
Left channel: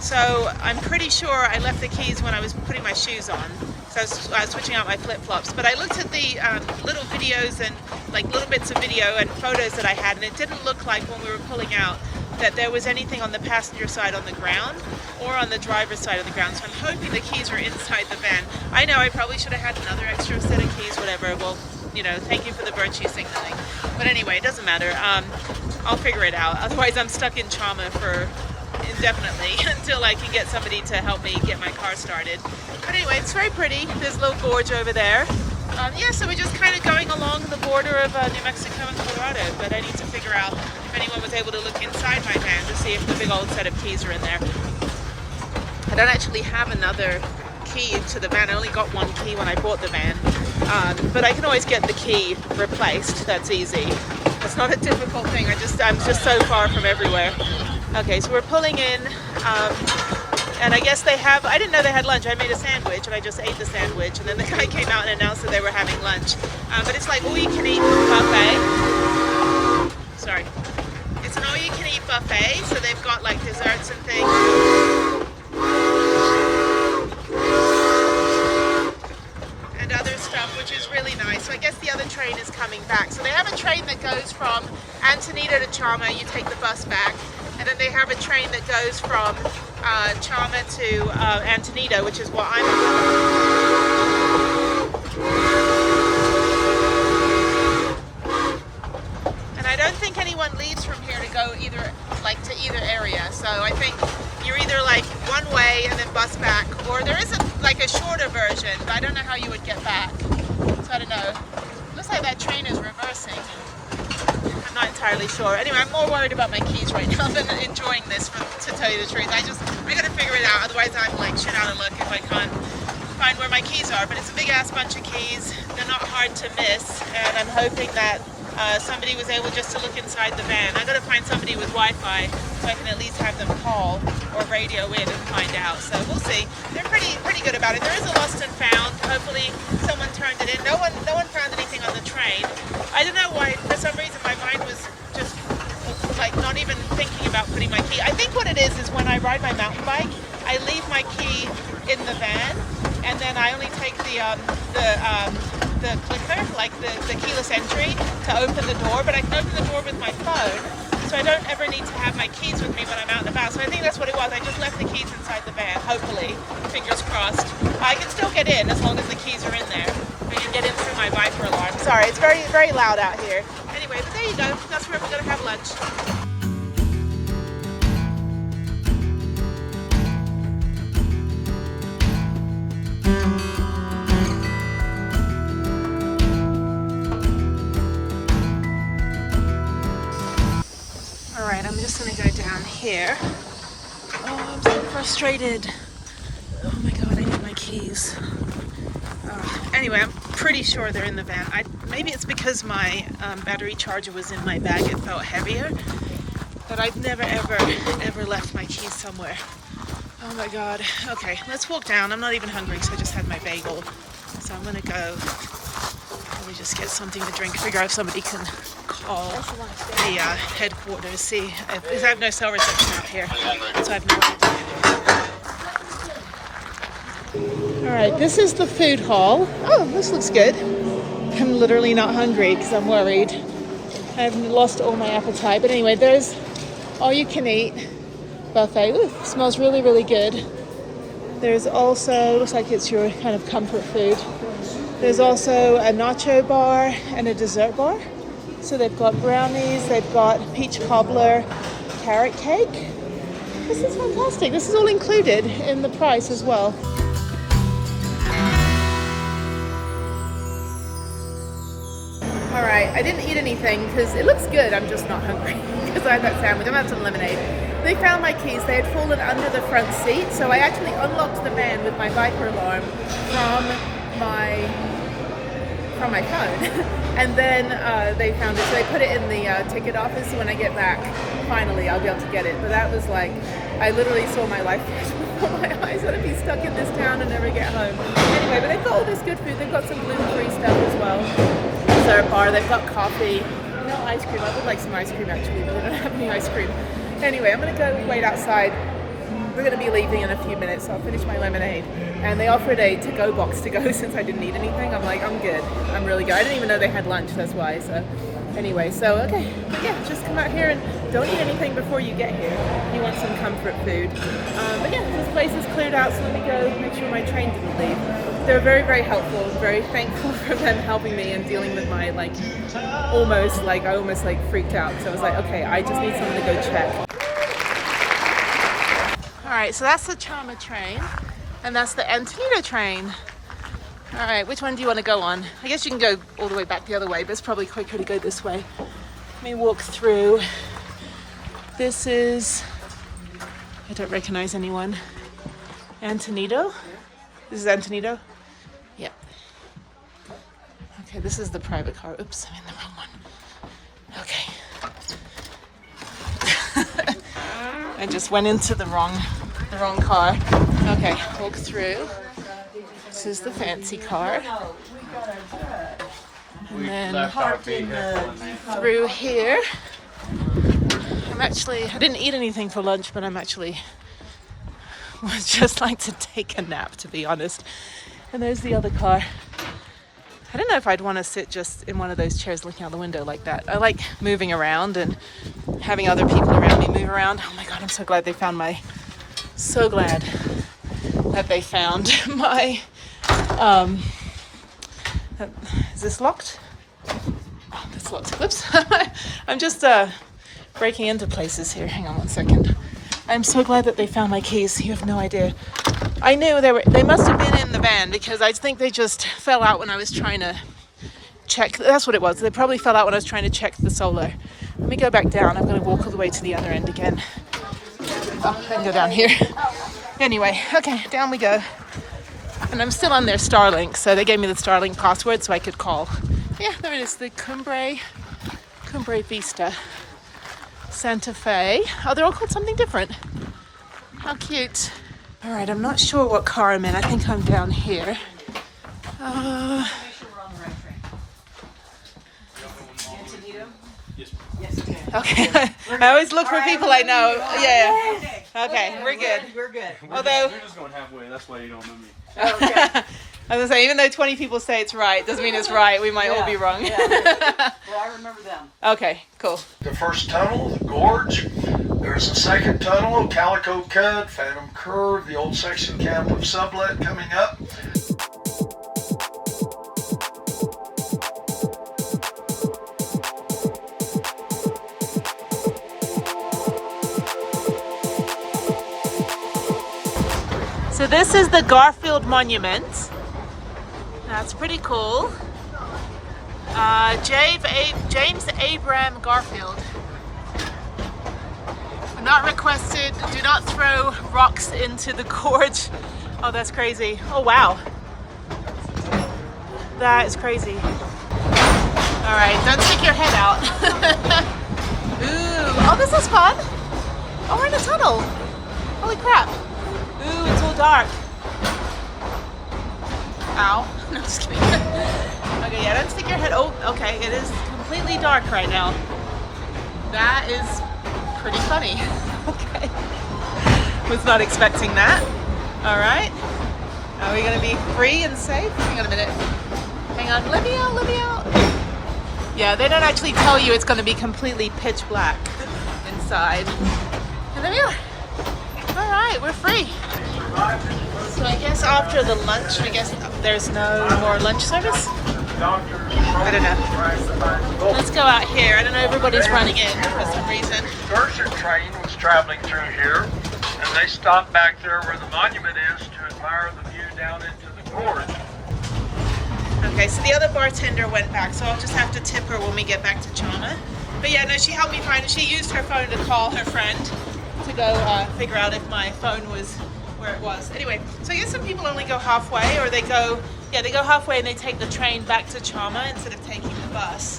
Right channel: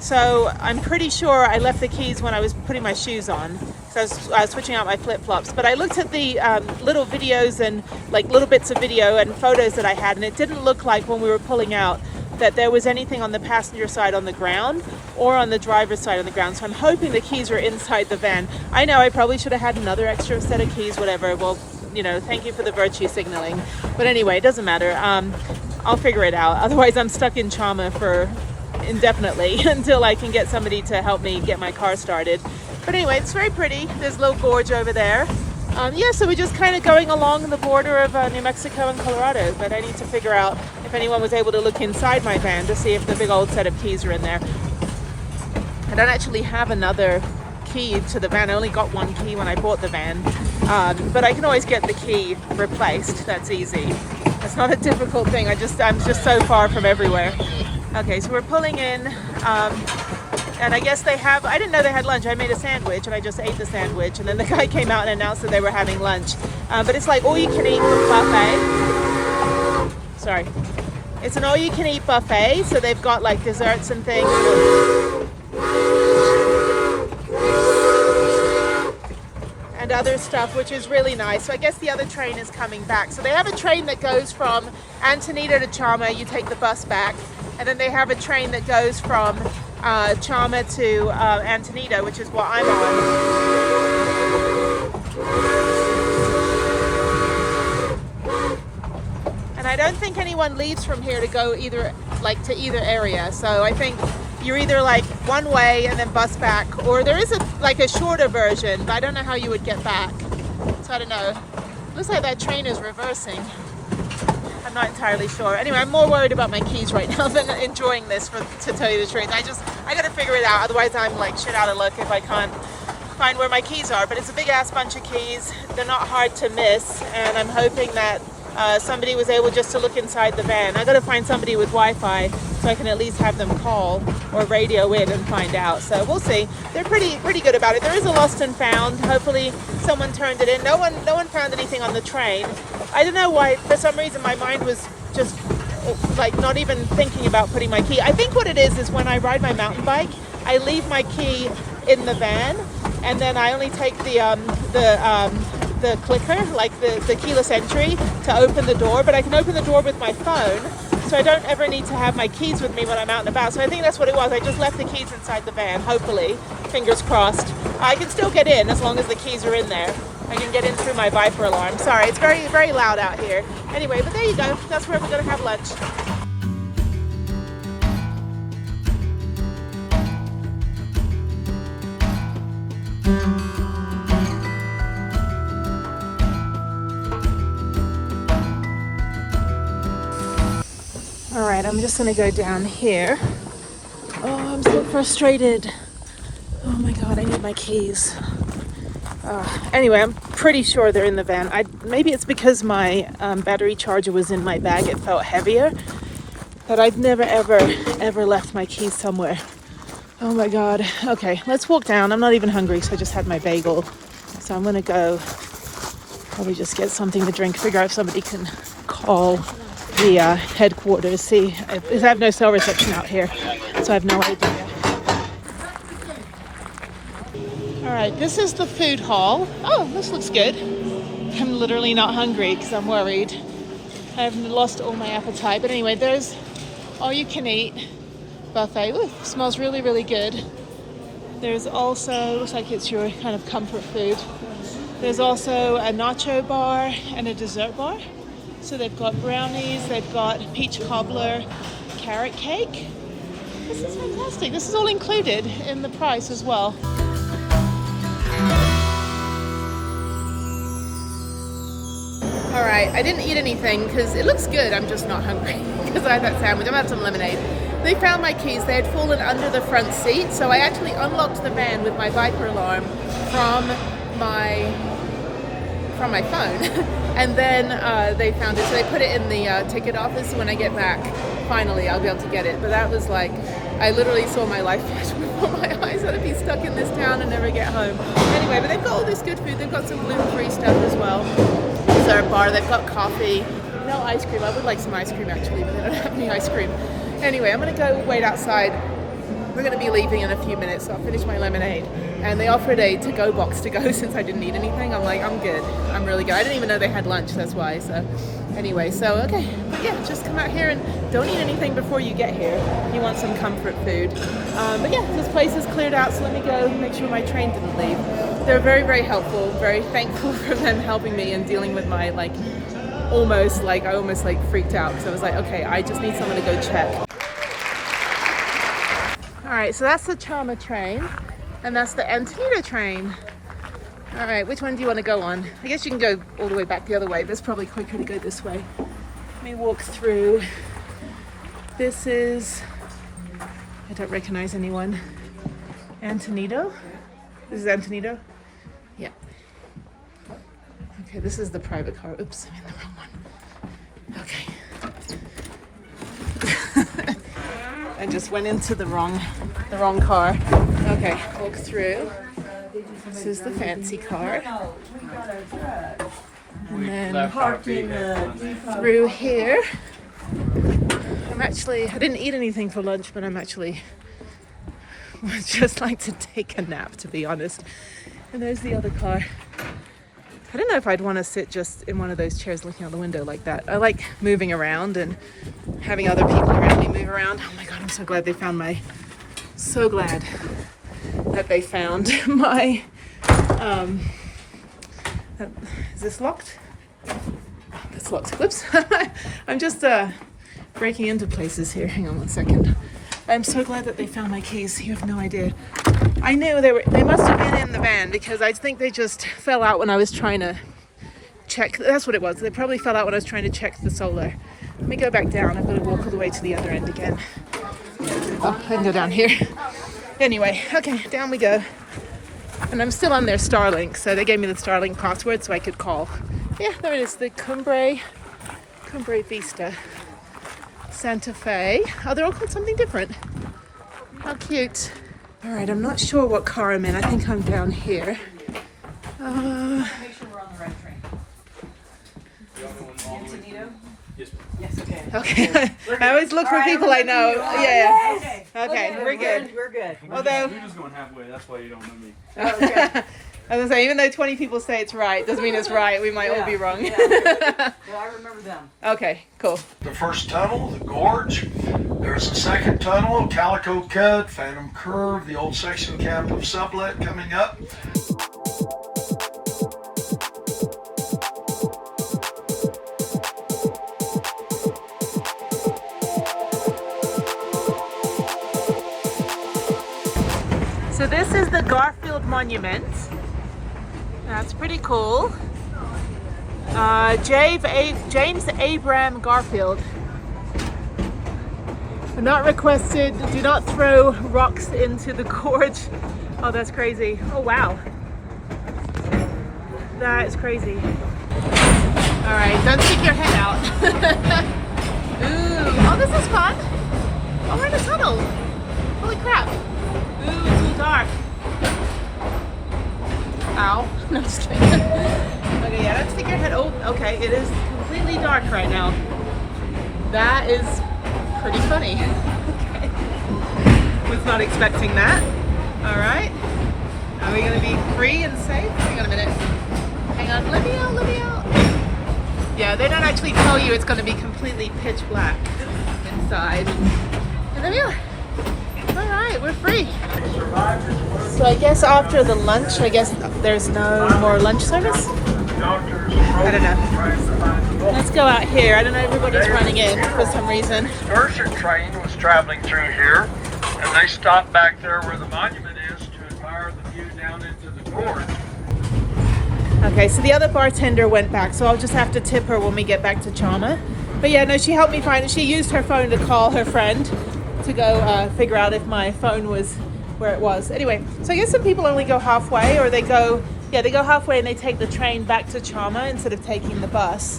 So I'm pretty sure I left the keys when I was putting my shoes on. So I was switching out my flip-flops. But I looked at the little videos and like little bits of video and photos that I had, and it didn't look like when we were pulling out that there was anything on the passenger side on the ground or on the driver's side on the ground. So I'm hoping the keys are inside the van. I know I probably should have had another extra set of keys, whatever. Well, you know, thank you for the virtue signaling. But anyway, it doesn't matter. I'll figure it out. Otherwise, I'm stuck in Chama for indefinitely until I can get somebody to help me get my car started. But anyway, it's very pretty. There's a little gorge over there. Yeah, so we're just kind of going along the border of New Mexico and Colorado, but I need to figure out if anyone was able to look inside my van to see if the big old set of keys are in there. I don't actually have another key to the van. I only got one key when I bought the van, but I can always get the key replaced. That's easy. That's not a difficult thing. I'm just so far from everywhere. Okay, so we're pulling in. And I guess they have, I didn't know they had lunch. I made a sandwich and I just ate the sandwich. And then the guy came out and announced that they were having lunch. But it's like all you can eat buffet. Sorry. It's an all you can eat buffet. So they've got like desserts and things. And other stuff, which is really nice. So I guess the other train is coming back. So they have a train that goes from Antonito to Chama. You take the bus back. And then they have a train that goes from Chama to Antonito, which is what I'm on. And I don't think anyone leaves from here to go either either area. So I think you're either like one way and then bus back, or there is a shorter version, but I don't know how you would get back. So I don't know. Looks like that train is reversing. I'm not entirely sure. Anyway, I'm more worried about my keys right now than enjoying this, to tell you the truth. I gotta figure it out. Otherwise, I'm like shit out of luck if I can't find where my keys are. But it's a big ass bunch of keys. They're not hard to miss, and I'm hoping that somebody was able just to look inside the van. I gotta find somebody with Wi-Fi so I can at least have them call or radio in and find out. So we'll see. They're pretty good about it. There is a lost and found. Hopefully someone turned it in. No one found anything on the train. I don't know why. For some reason, my mind was just like not even thinking about putting my key. I think what it is when I ride my mountain bike, I leave my key in the van, and then I only take the clicker, like the keyless entry, to open the door. But I can open the door with my phone, so I don't ever need to have my keys with me when I'm out and about. So I think that's what it was. I just left the keys inside the van, hopefully, fingers crossed. I can still get in as long as the keys are in there. I can get in through my Viper alarm. Sorry, it's very, very loud out here. Anyway, but there you go. That's where we're gonna have lunch. All right, I'm just gonna go down here. Oh, I'm so frustrated. Oh my God, I need my keys. Anyway, I'm pretty sure they're in the van. Maybe it's because my battery charger was in my bag, it felt heavier. But I've never, ever left my keys somewhere. Oh my God. Okay, let's walk down. I'm not even hungry, so I just had my bagel. So I'm gonna go probably just get something to drink, figure out if somebody can call the headquarters, see if I have no cell reception out here. So I have no idea. All right, this is the food hall. Oh, this looks good. I'm literally not hungry because I'm worried. I've lost all my appetite. But anyway, there's all you can eat buffet. Ooh, smells really, really good. There's also, looks like it's your kind of comfort food. There's also a nacho bar and a dessert bar. So they've got brownies, they've got peach cobbler, carrot cake. This is fantastic. This is all included in the price as well. All right, I didn't eat anything because it looks good. I'm just not hungry because I had that sandwich. I'm gonna have some lemonade. They found my keys. They had fallen under the front seat, so I actually unlocked the van with my Viper alarm from my phone. And then they found it, so they put it in the ticket office. So when I get back, finally, I'll be able to get it. But that was like, I literally saw my life flash before my eyes. I'd be stuck in this town and never get home. Anyway, but they've got all this good food. They've got some gluten-free stuff as well. Dessert bar. They've got coffee. No ice cream. I would like some ice cream actually, but they don't have any ice cream. Anyway, I'm gonna go wait outside We're going to be leaving in a few minutes, so I'll finish my lemonade. And they offered a to-go box to go since I didn't eat anything. I'm like, I'm good. I'm really good. I didn't even know they had lunch, that's why. So anyway, so okay. But yeah, just come out here and don't eat anything before you get here. You want some comfort food. But yeah, this place is cleared out, so let me go make sure my train didn't leave. They're very, very helpful. Very thankful for them helping me and dealing with my I almost freaked out because I was like, okay, I just need someone to go check. All right, so that's the Chama train, and that's the Antonito train. All right, which one do you want to go on? I guess you can go all the way back the other way, but it's probably quicker to go this way. Let me walk through. This is, I don't recognize anyone. Antonito? This is Antonito? Yep. Okay, this is the private car. Oops, I'm in the wrong one. Okay. I just went into the wrong car. Okay, walk through. This is the fancy car. And then through here. I didn't eat anything for lunch, but would just like to take a nap, to be honest. And there's the other car. I don't know if I'd want to sit just in one of those chairs looking out the window like that. I like moving around and having other people around me move around. Oh my God, I'm so glad they found my, is this locked? Oh, that's locked. Whoops. I'm just breaking into places here. Hang on one second. I'm so glad that they found my keys. You have no idea. I knew they must have been in the van because I think they just fell out when I was trying to check. That's what it was. They probably fell out when I was trying to check the solar. Let me go back down. I'm going to walk all the way to the other end again. Oh, I can go down here. Anyway, okay, down we go. And I'm still on their Starlink, so they gave me the Starlink password so I could call. Yeah, there it is, the Cumbre Vista. Santa Fe. Oh, they're all called something different. How cute. All right, I'm not sure what car I'm in. I think I'm down here. Okay. I always look for people I know. Yeah. Okay, we're good. We're good. Although, You're just going halfway. That's why you don't know me. I was gonna say, even though 20 people say it's right, doesn't mean it's right. We might all be wrong. Well, I remember them. Okay, cool. The first tunnel, the gorge. There's a second tunnel, Calico Cut, Phantom Curve, the old section camp of Sublet coming up. So this is the Garfield Monument. That's pretty cool. James Abram Garfield. Not requested. Do not throw rocks into the gorge. Oh, that's crazy. Oh, wow. That is crazy. All right, don't stick your head out. Ooh, oh, this is fun. Oh, we're in a tunnel. Holy crap. Ooh, it's all dark. Ow. No, I'm just kidding. Okay, yeah, don't stick your head. Oh, okay, it is completely dark right now. That is pretty funny. Okay. Was not expecting that. All right. Are we gonna be free and safe? Hang on a minute. Hang on, let me out, let me out. Yeah, they don't actually tell you it's gonna be completely pitch black inside. And there we are. All right, we're free. So I guess after the lunch, I guess there's no more lunch service? I don't know. Let's go out here. I don't know, everybody's running in for some reason. Excursion train is traveling through here, and they stop back there where the monument is to admire the view down into the gorge. Okay, so the other bartender went back, so I'll just have to tip her when we get back to Chama. But yeah, no, she helped me find it. She used her phone to call her friend to go figure out if my phone was where it was. Anyway, so I guess some people only go halfway, or they go halfway and they take the train back to Chama instead of taking the bus,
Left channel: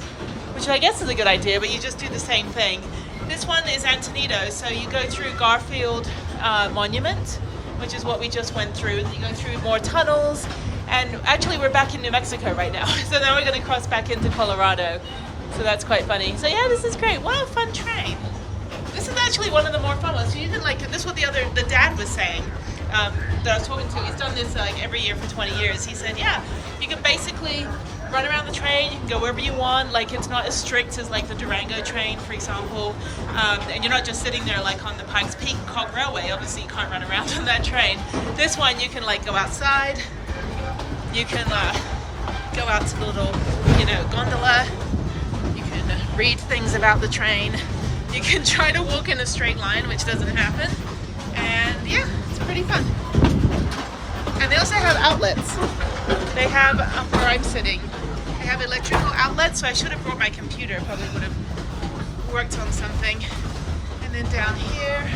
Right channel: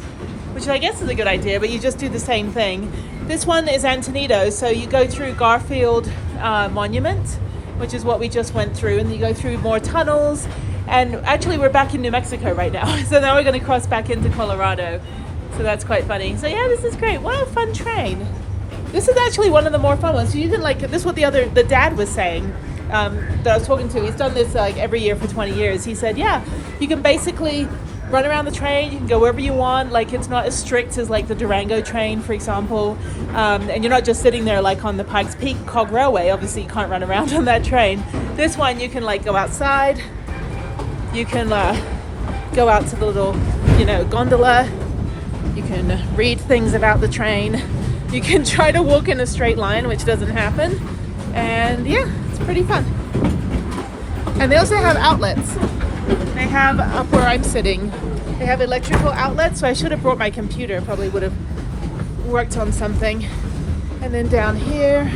which I guess is a good idea, but you just do the same thing. This one is Antonito, so you go through Garfield Monument, which is what we just went through, and you go through more tunnels, and actually we're back in New Mexico right now, so now we're going to cross back into Colorado, so that's quite funny. So yeah, this is great. What a fun train. This is actually one of the more fun ones. You can like, this is what the dad was saying that I was talking to. He's done this like every year for 20 years. He said, yeah, you can basically run around the train. You can go wherever you want. Like it's not as strict as like the Durango train, for example. And you're not just sitting there like on the Pikes Peak Cog Railway. Obviously you can't run around on that train. This one you can like go outside. You can go out to the little, gondola. You can read things about the train. You can try to walk in a straight line, which doesn't happen. And yeah, it's pretty fun. And they also have outlets. They have, up where I'm sitting, they have electrical outlets. So I should have brought my computer, probably would have worked on something. And then down here,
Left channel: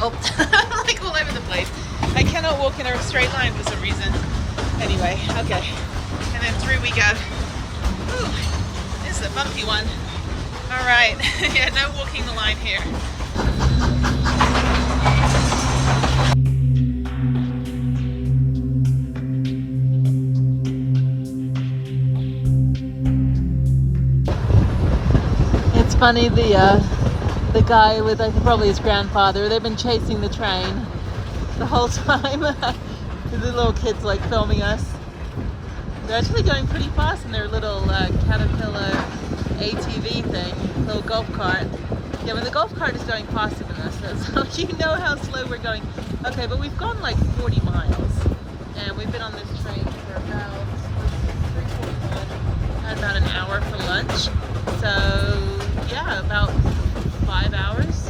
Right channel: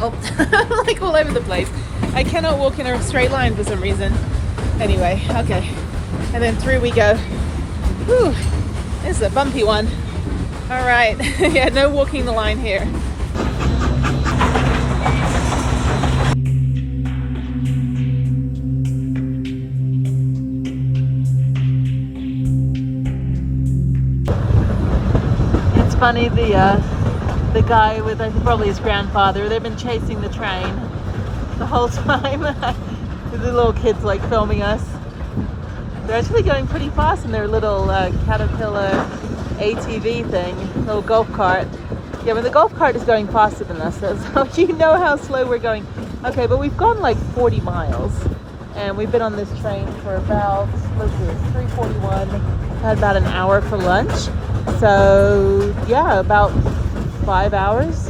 oh, like all over the place. I cannot walk in a straight line for some reason. Anyway, okay. And then through we go. Whew, this is a bumpy one. All right, yeah, no walking the line here. It's funny, the guy with, I think probably his grandfather, they've been chasing the train the whole time. The little kids like filming us. They're actually going pretty fast in their little Caterpillar ATV thing, little golf cart. Yeah, but the golf cart is going faster than us, so you know how slow we're going. Okay, but we've gone like 40 miles, and we've been on this train for about, let's see, it's 3:41. Had about an hour for lunch, so yeah, about 5 hours.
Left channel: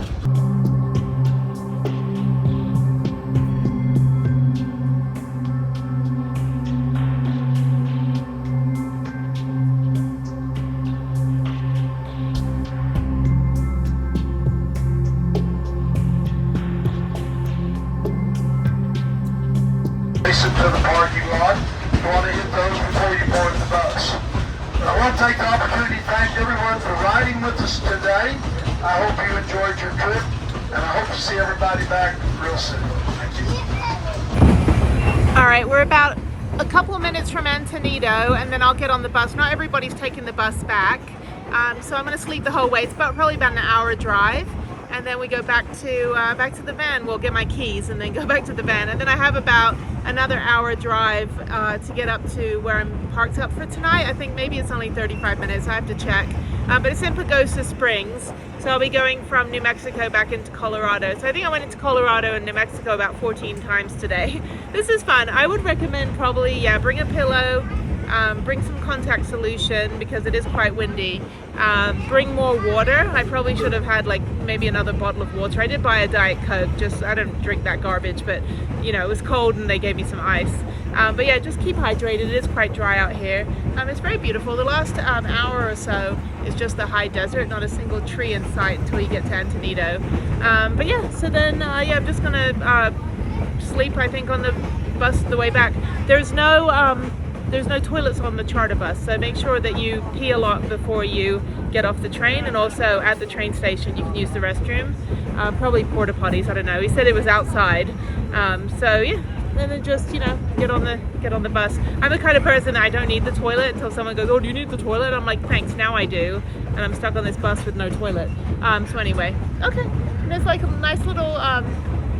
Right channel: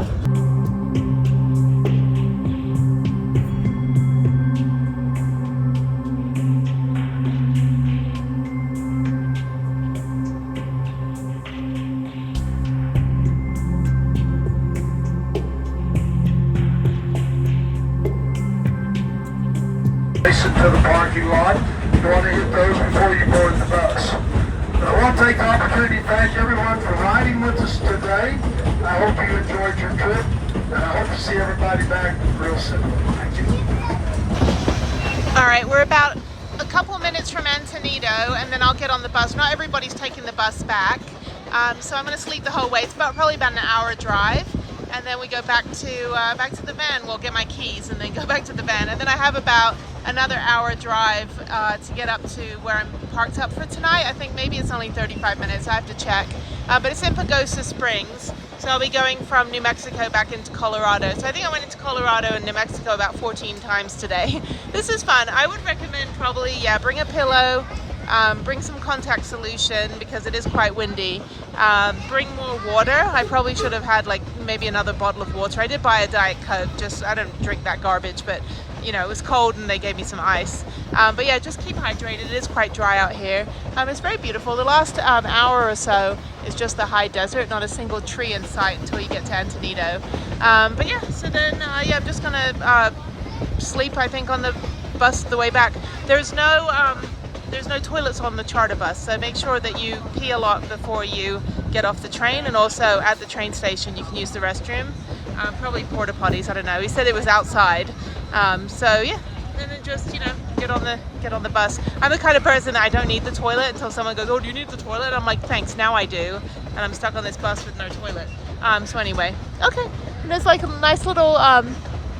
To the parking lot. You want to hit those before you board the bus. I want to take the opportunity to thank everyone for riding with us today. I hope you enjoyed your trip, and I hope to see everybody back real soon. Thank you. All right, we're about a couple of minutes from Antonito, and then I'll get on the bus. Not everybody's taking the bus back, so I'm going to sleep the whole way. It's probably about an hour drive. And then we go back to the van. We'll get my keys and then go back to the van. And then I have about another hour drive to get up to where I'm parked up for tonight. I think maybe it's only 35 minutes. I have to check. But it's in Pagosa Springs. So I'll be going from New Mexico back into Colorado. So I think I went into Colorado and New Mexico about 14 times today. This is fun. I would recommend probably, yeah, bring a pillow. Bring some contact solution because it is quite windy. Bring more water. I probably should have had like maybe another bottle of water. I did buy a Diet Coke, just I don't drink that garbage, but it was cold and they gave me some ice. But yeah, just keep hydrated. It is quite dry out here. It's very beautiful. The last hour or so is just the high desert, not a single tree in sight until you get to Antonito. But yeah, so then yeah, I'm just gonna sleep, I think, on the bus the way back. There's no toilets on the charter bus, so make sure that you pee a lot before you get off the train, and also at the train station you can use the restroom, probably porta potties, I don't know. He said it was outside, so yeah, and then just get on the bus. I'm the kind of person that I don't need the toilet until someone goes, oh, do you need the toilet? I'm like, thanks, now I do, and I'm stuck on this bus with no toilet. So anyway, okay, there's like a nice little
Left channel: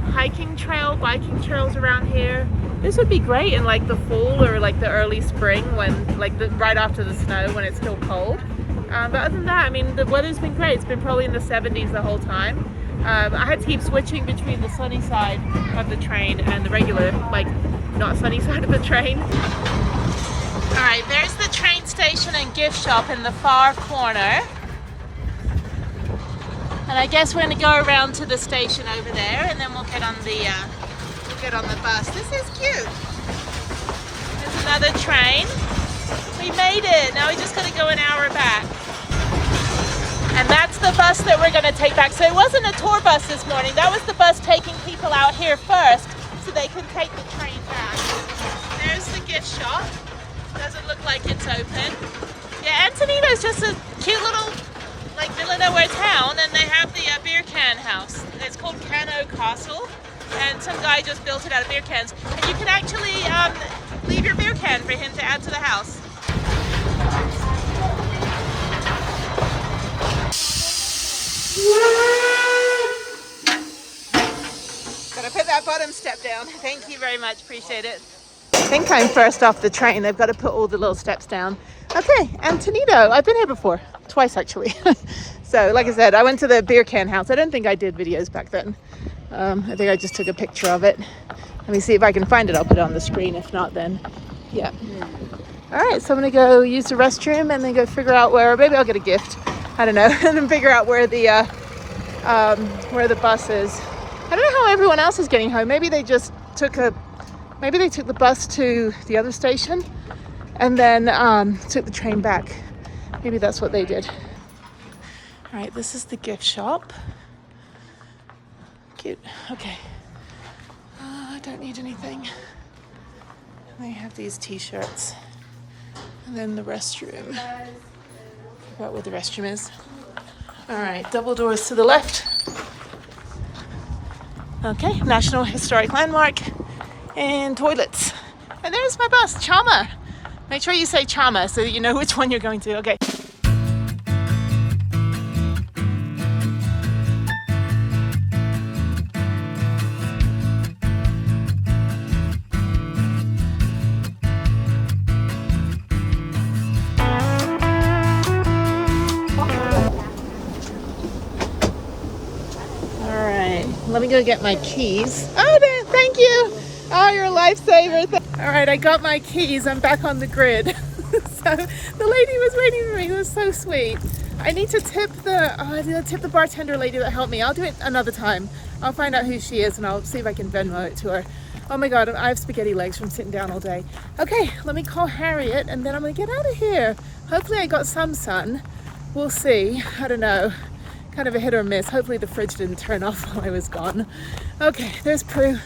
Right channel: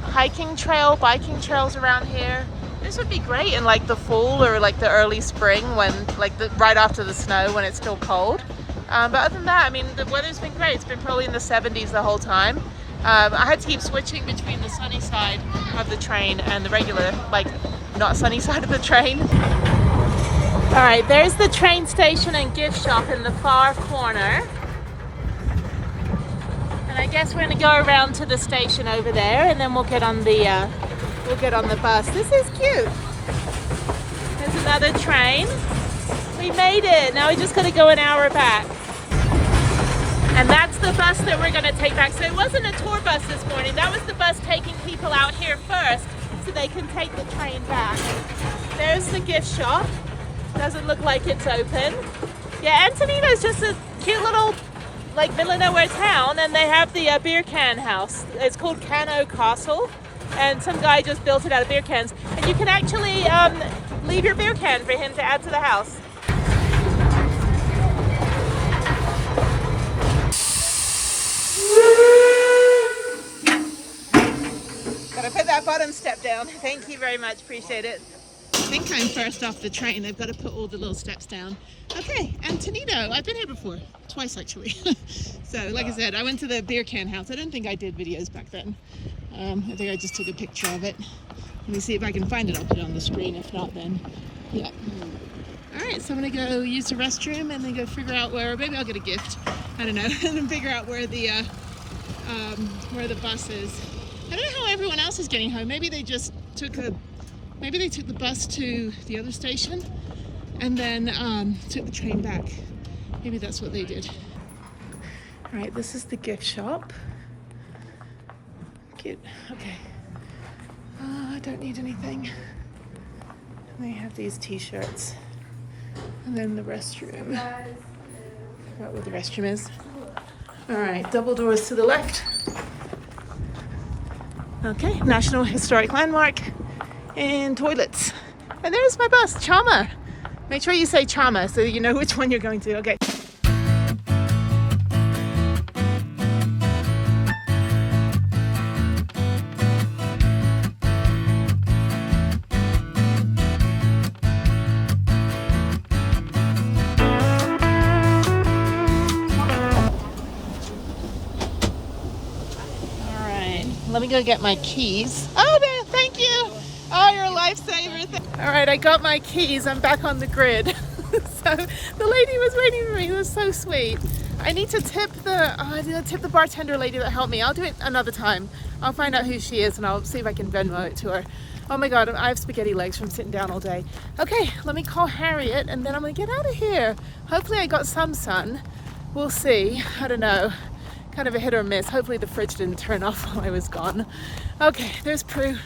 hiking trail, biking trails around here. This would be great in like the fall or like the early spring when right after the snow when it's still cold. But other than that, I mean, the weather's been great. It's been probably in the 70s the whole time. I had to keep switching between the sunny side of the train and the regular, like, not sunny side of the train. All right, there's the train station and gift shop in the far corner. And I guess we're gonna go around to the station over there, and then we'll get on the bus. This is cute. There's another train. We made it. Now we just gotta go an hour back. And that's the bus that we're gonna take back. So it wasn't a tour bus this morning. That was the bus taking people out here first so they can take the train back. There's the gift shop. Doesn't look like it's open. Yeah, Antonito's just a cute little like middle of nowhere town, and they have the beer can house. It's called Cano Castle, and some guy just built it out of beer cans, and you can actually leave your beer can for him to add to the house. Gotta put that bottom step down. Thank you very much, appreciate it. I think I'm first off the train. They've got to put all the little steps down. Okay, Antonito. I've been here before, twice actually. So like I said, I went to the beer can house. I don't think I did videos back then. I think I just took a picture of it. Let me see if I can find it. I'll put it on the screen. If not, then yeah. All right, so I'm gonna go use the restroom and then go figure out where, maybe I'll get a gift. I don't know, and then figure out where the bus is. I don't know how everyone else is getting home. Maybe they just took the bus to the other station and then took the train back. Maybe that's what they did. All right, this is the gift shop. Cute. Okay. I don't need anything. They have these t-shirts. And then the restroom. Forgot where the restroom is. All right, double doors to the left. Okay, National Historic Landmark and toilets. And there's my bus, Chama. Make sure you say Chama so you know which one you're going to. Okay. Let me go get my keys. Oh, there, thank you. Oh, you're a lifesaver. All right, I got my keys. I'm back on the grid. So the lady was waiting for me. It was so sweet. I need to tip the bartender lady that helped me. I'll do it another time. I'll find out who she is and I'll see if I can Venmo it to her. Oh my God, I have spaghetti legs from sitting down all day. Okay, let me call Harriet and then I'm gonna get out of here. Hopefully I got some sun. We'll see. I don't know. Kind of a hit or miss. Hopefully the fridge didn't turn off while I was gone. Okay, there's Prue.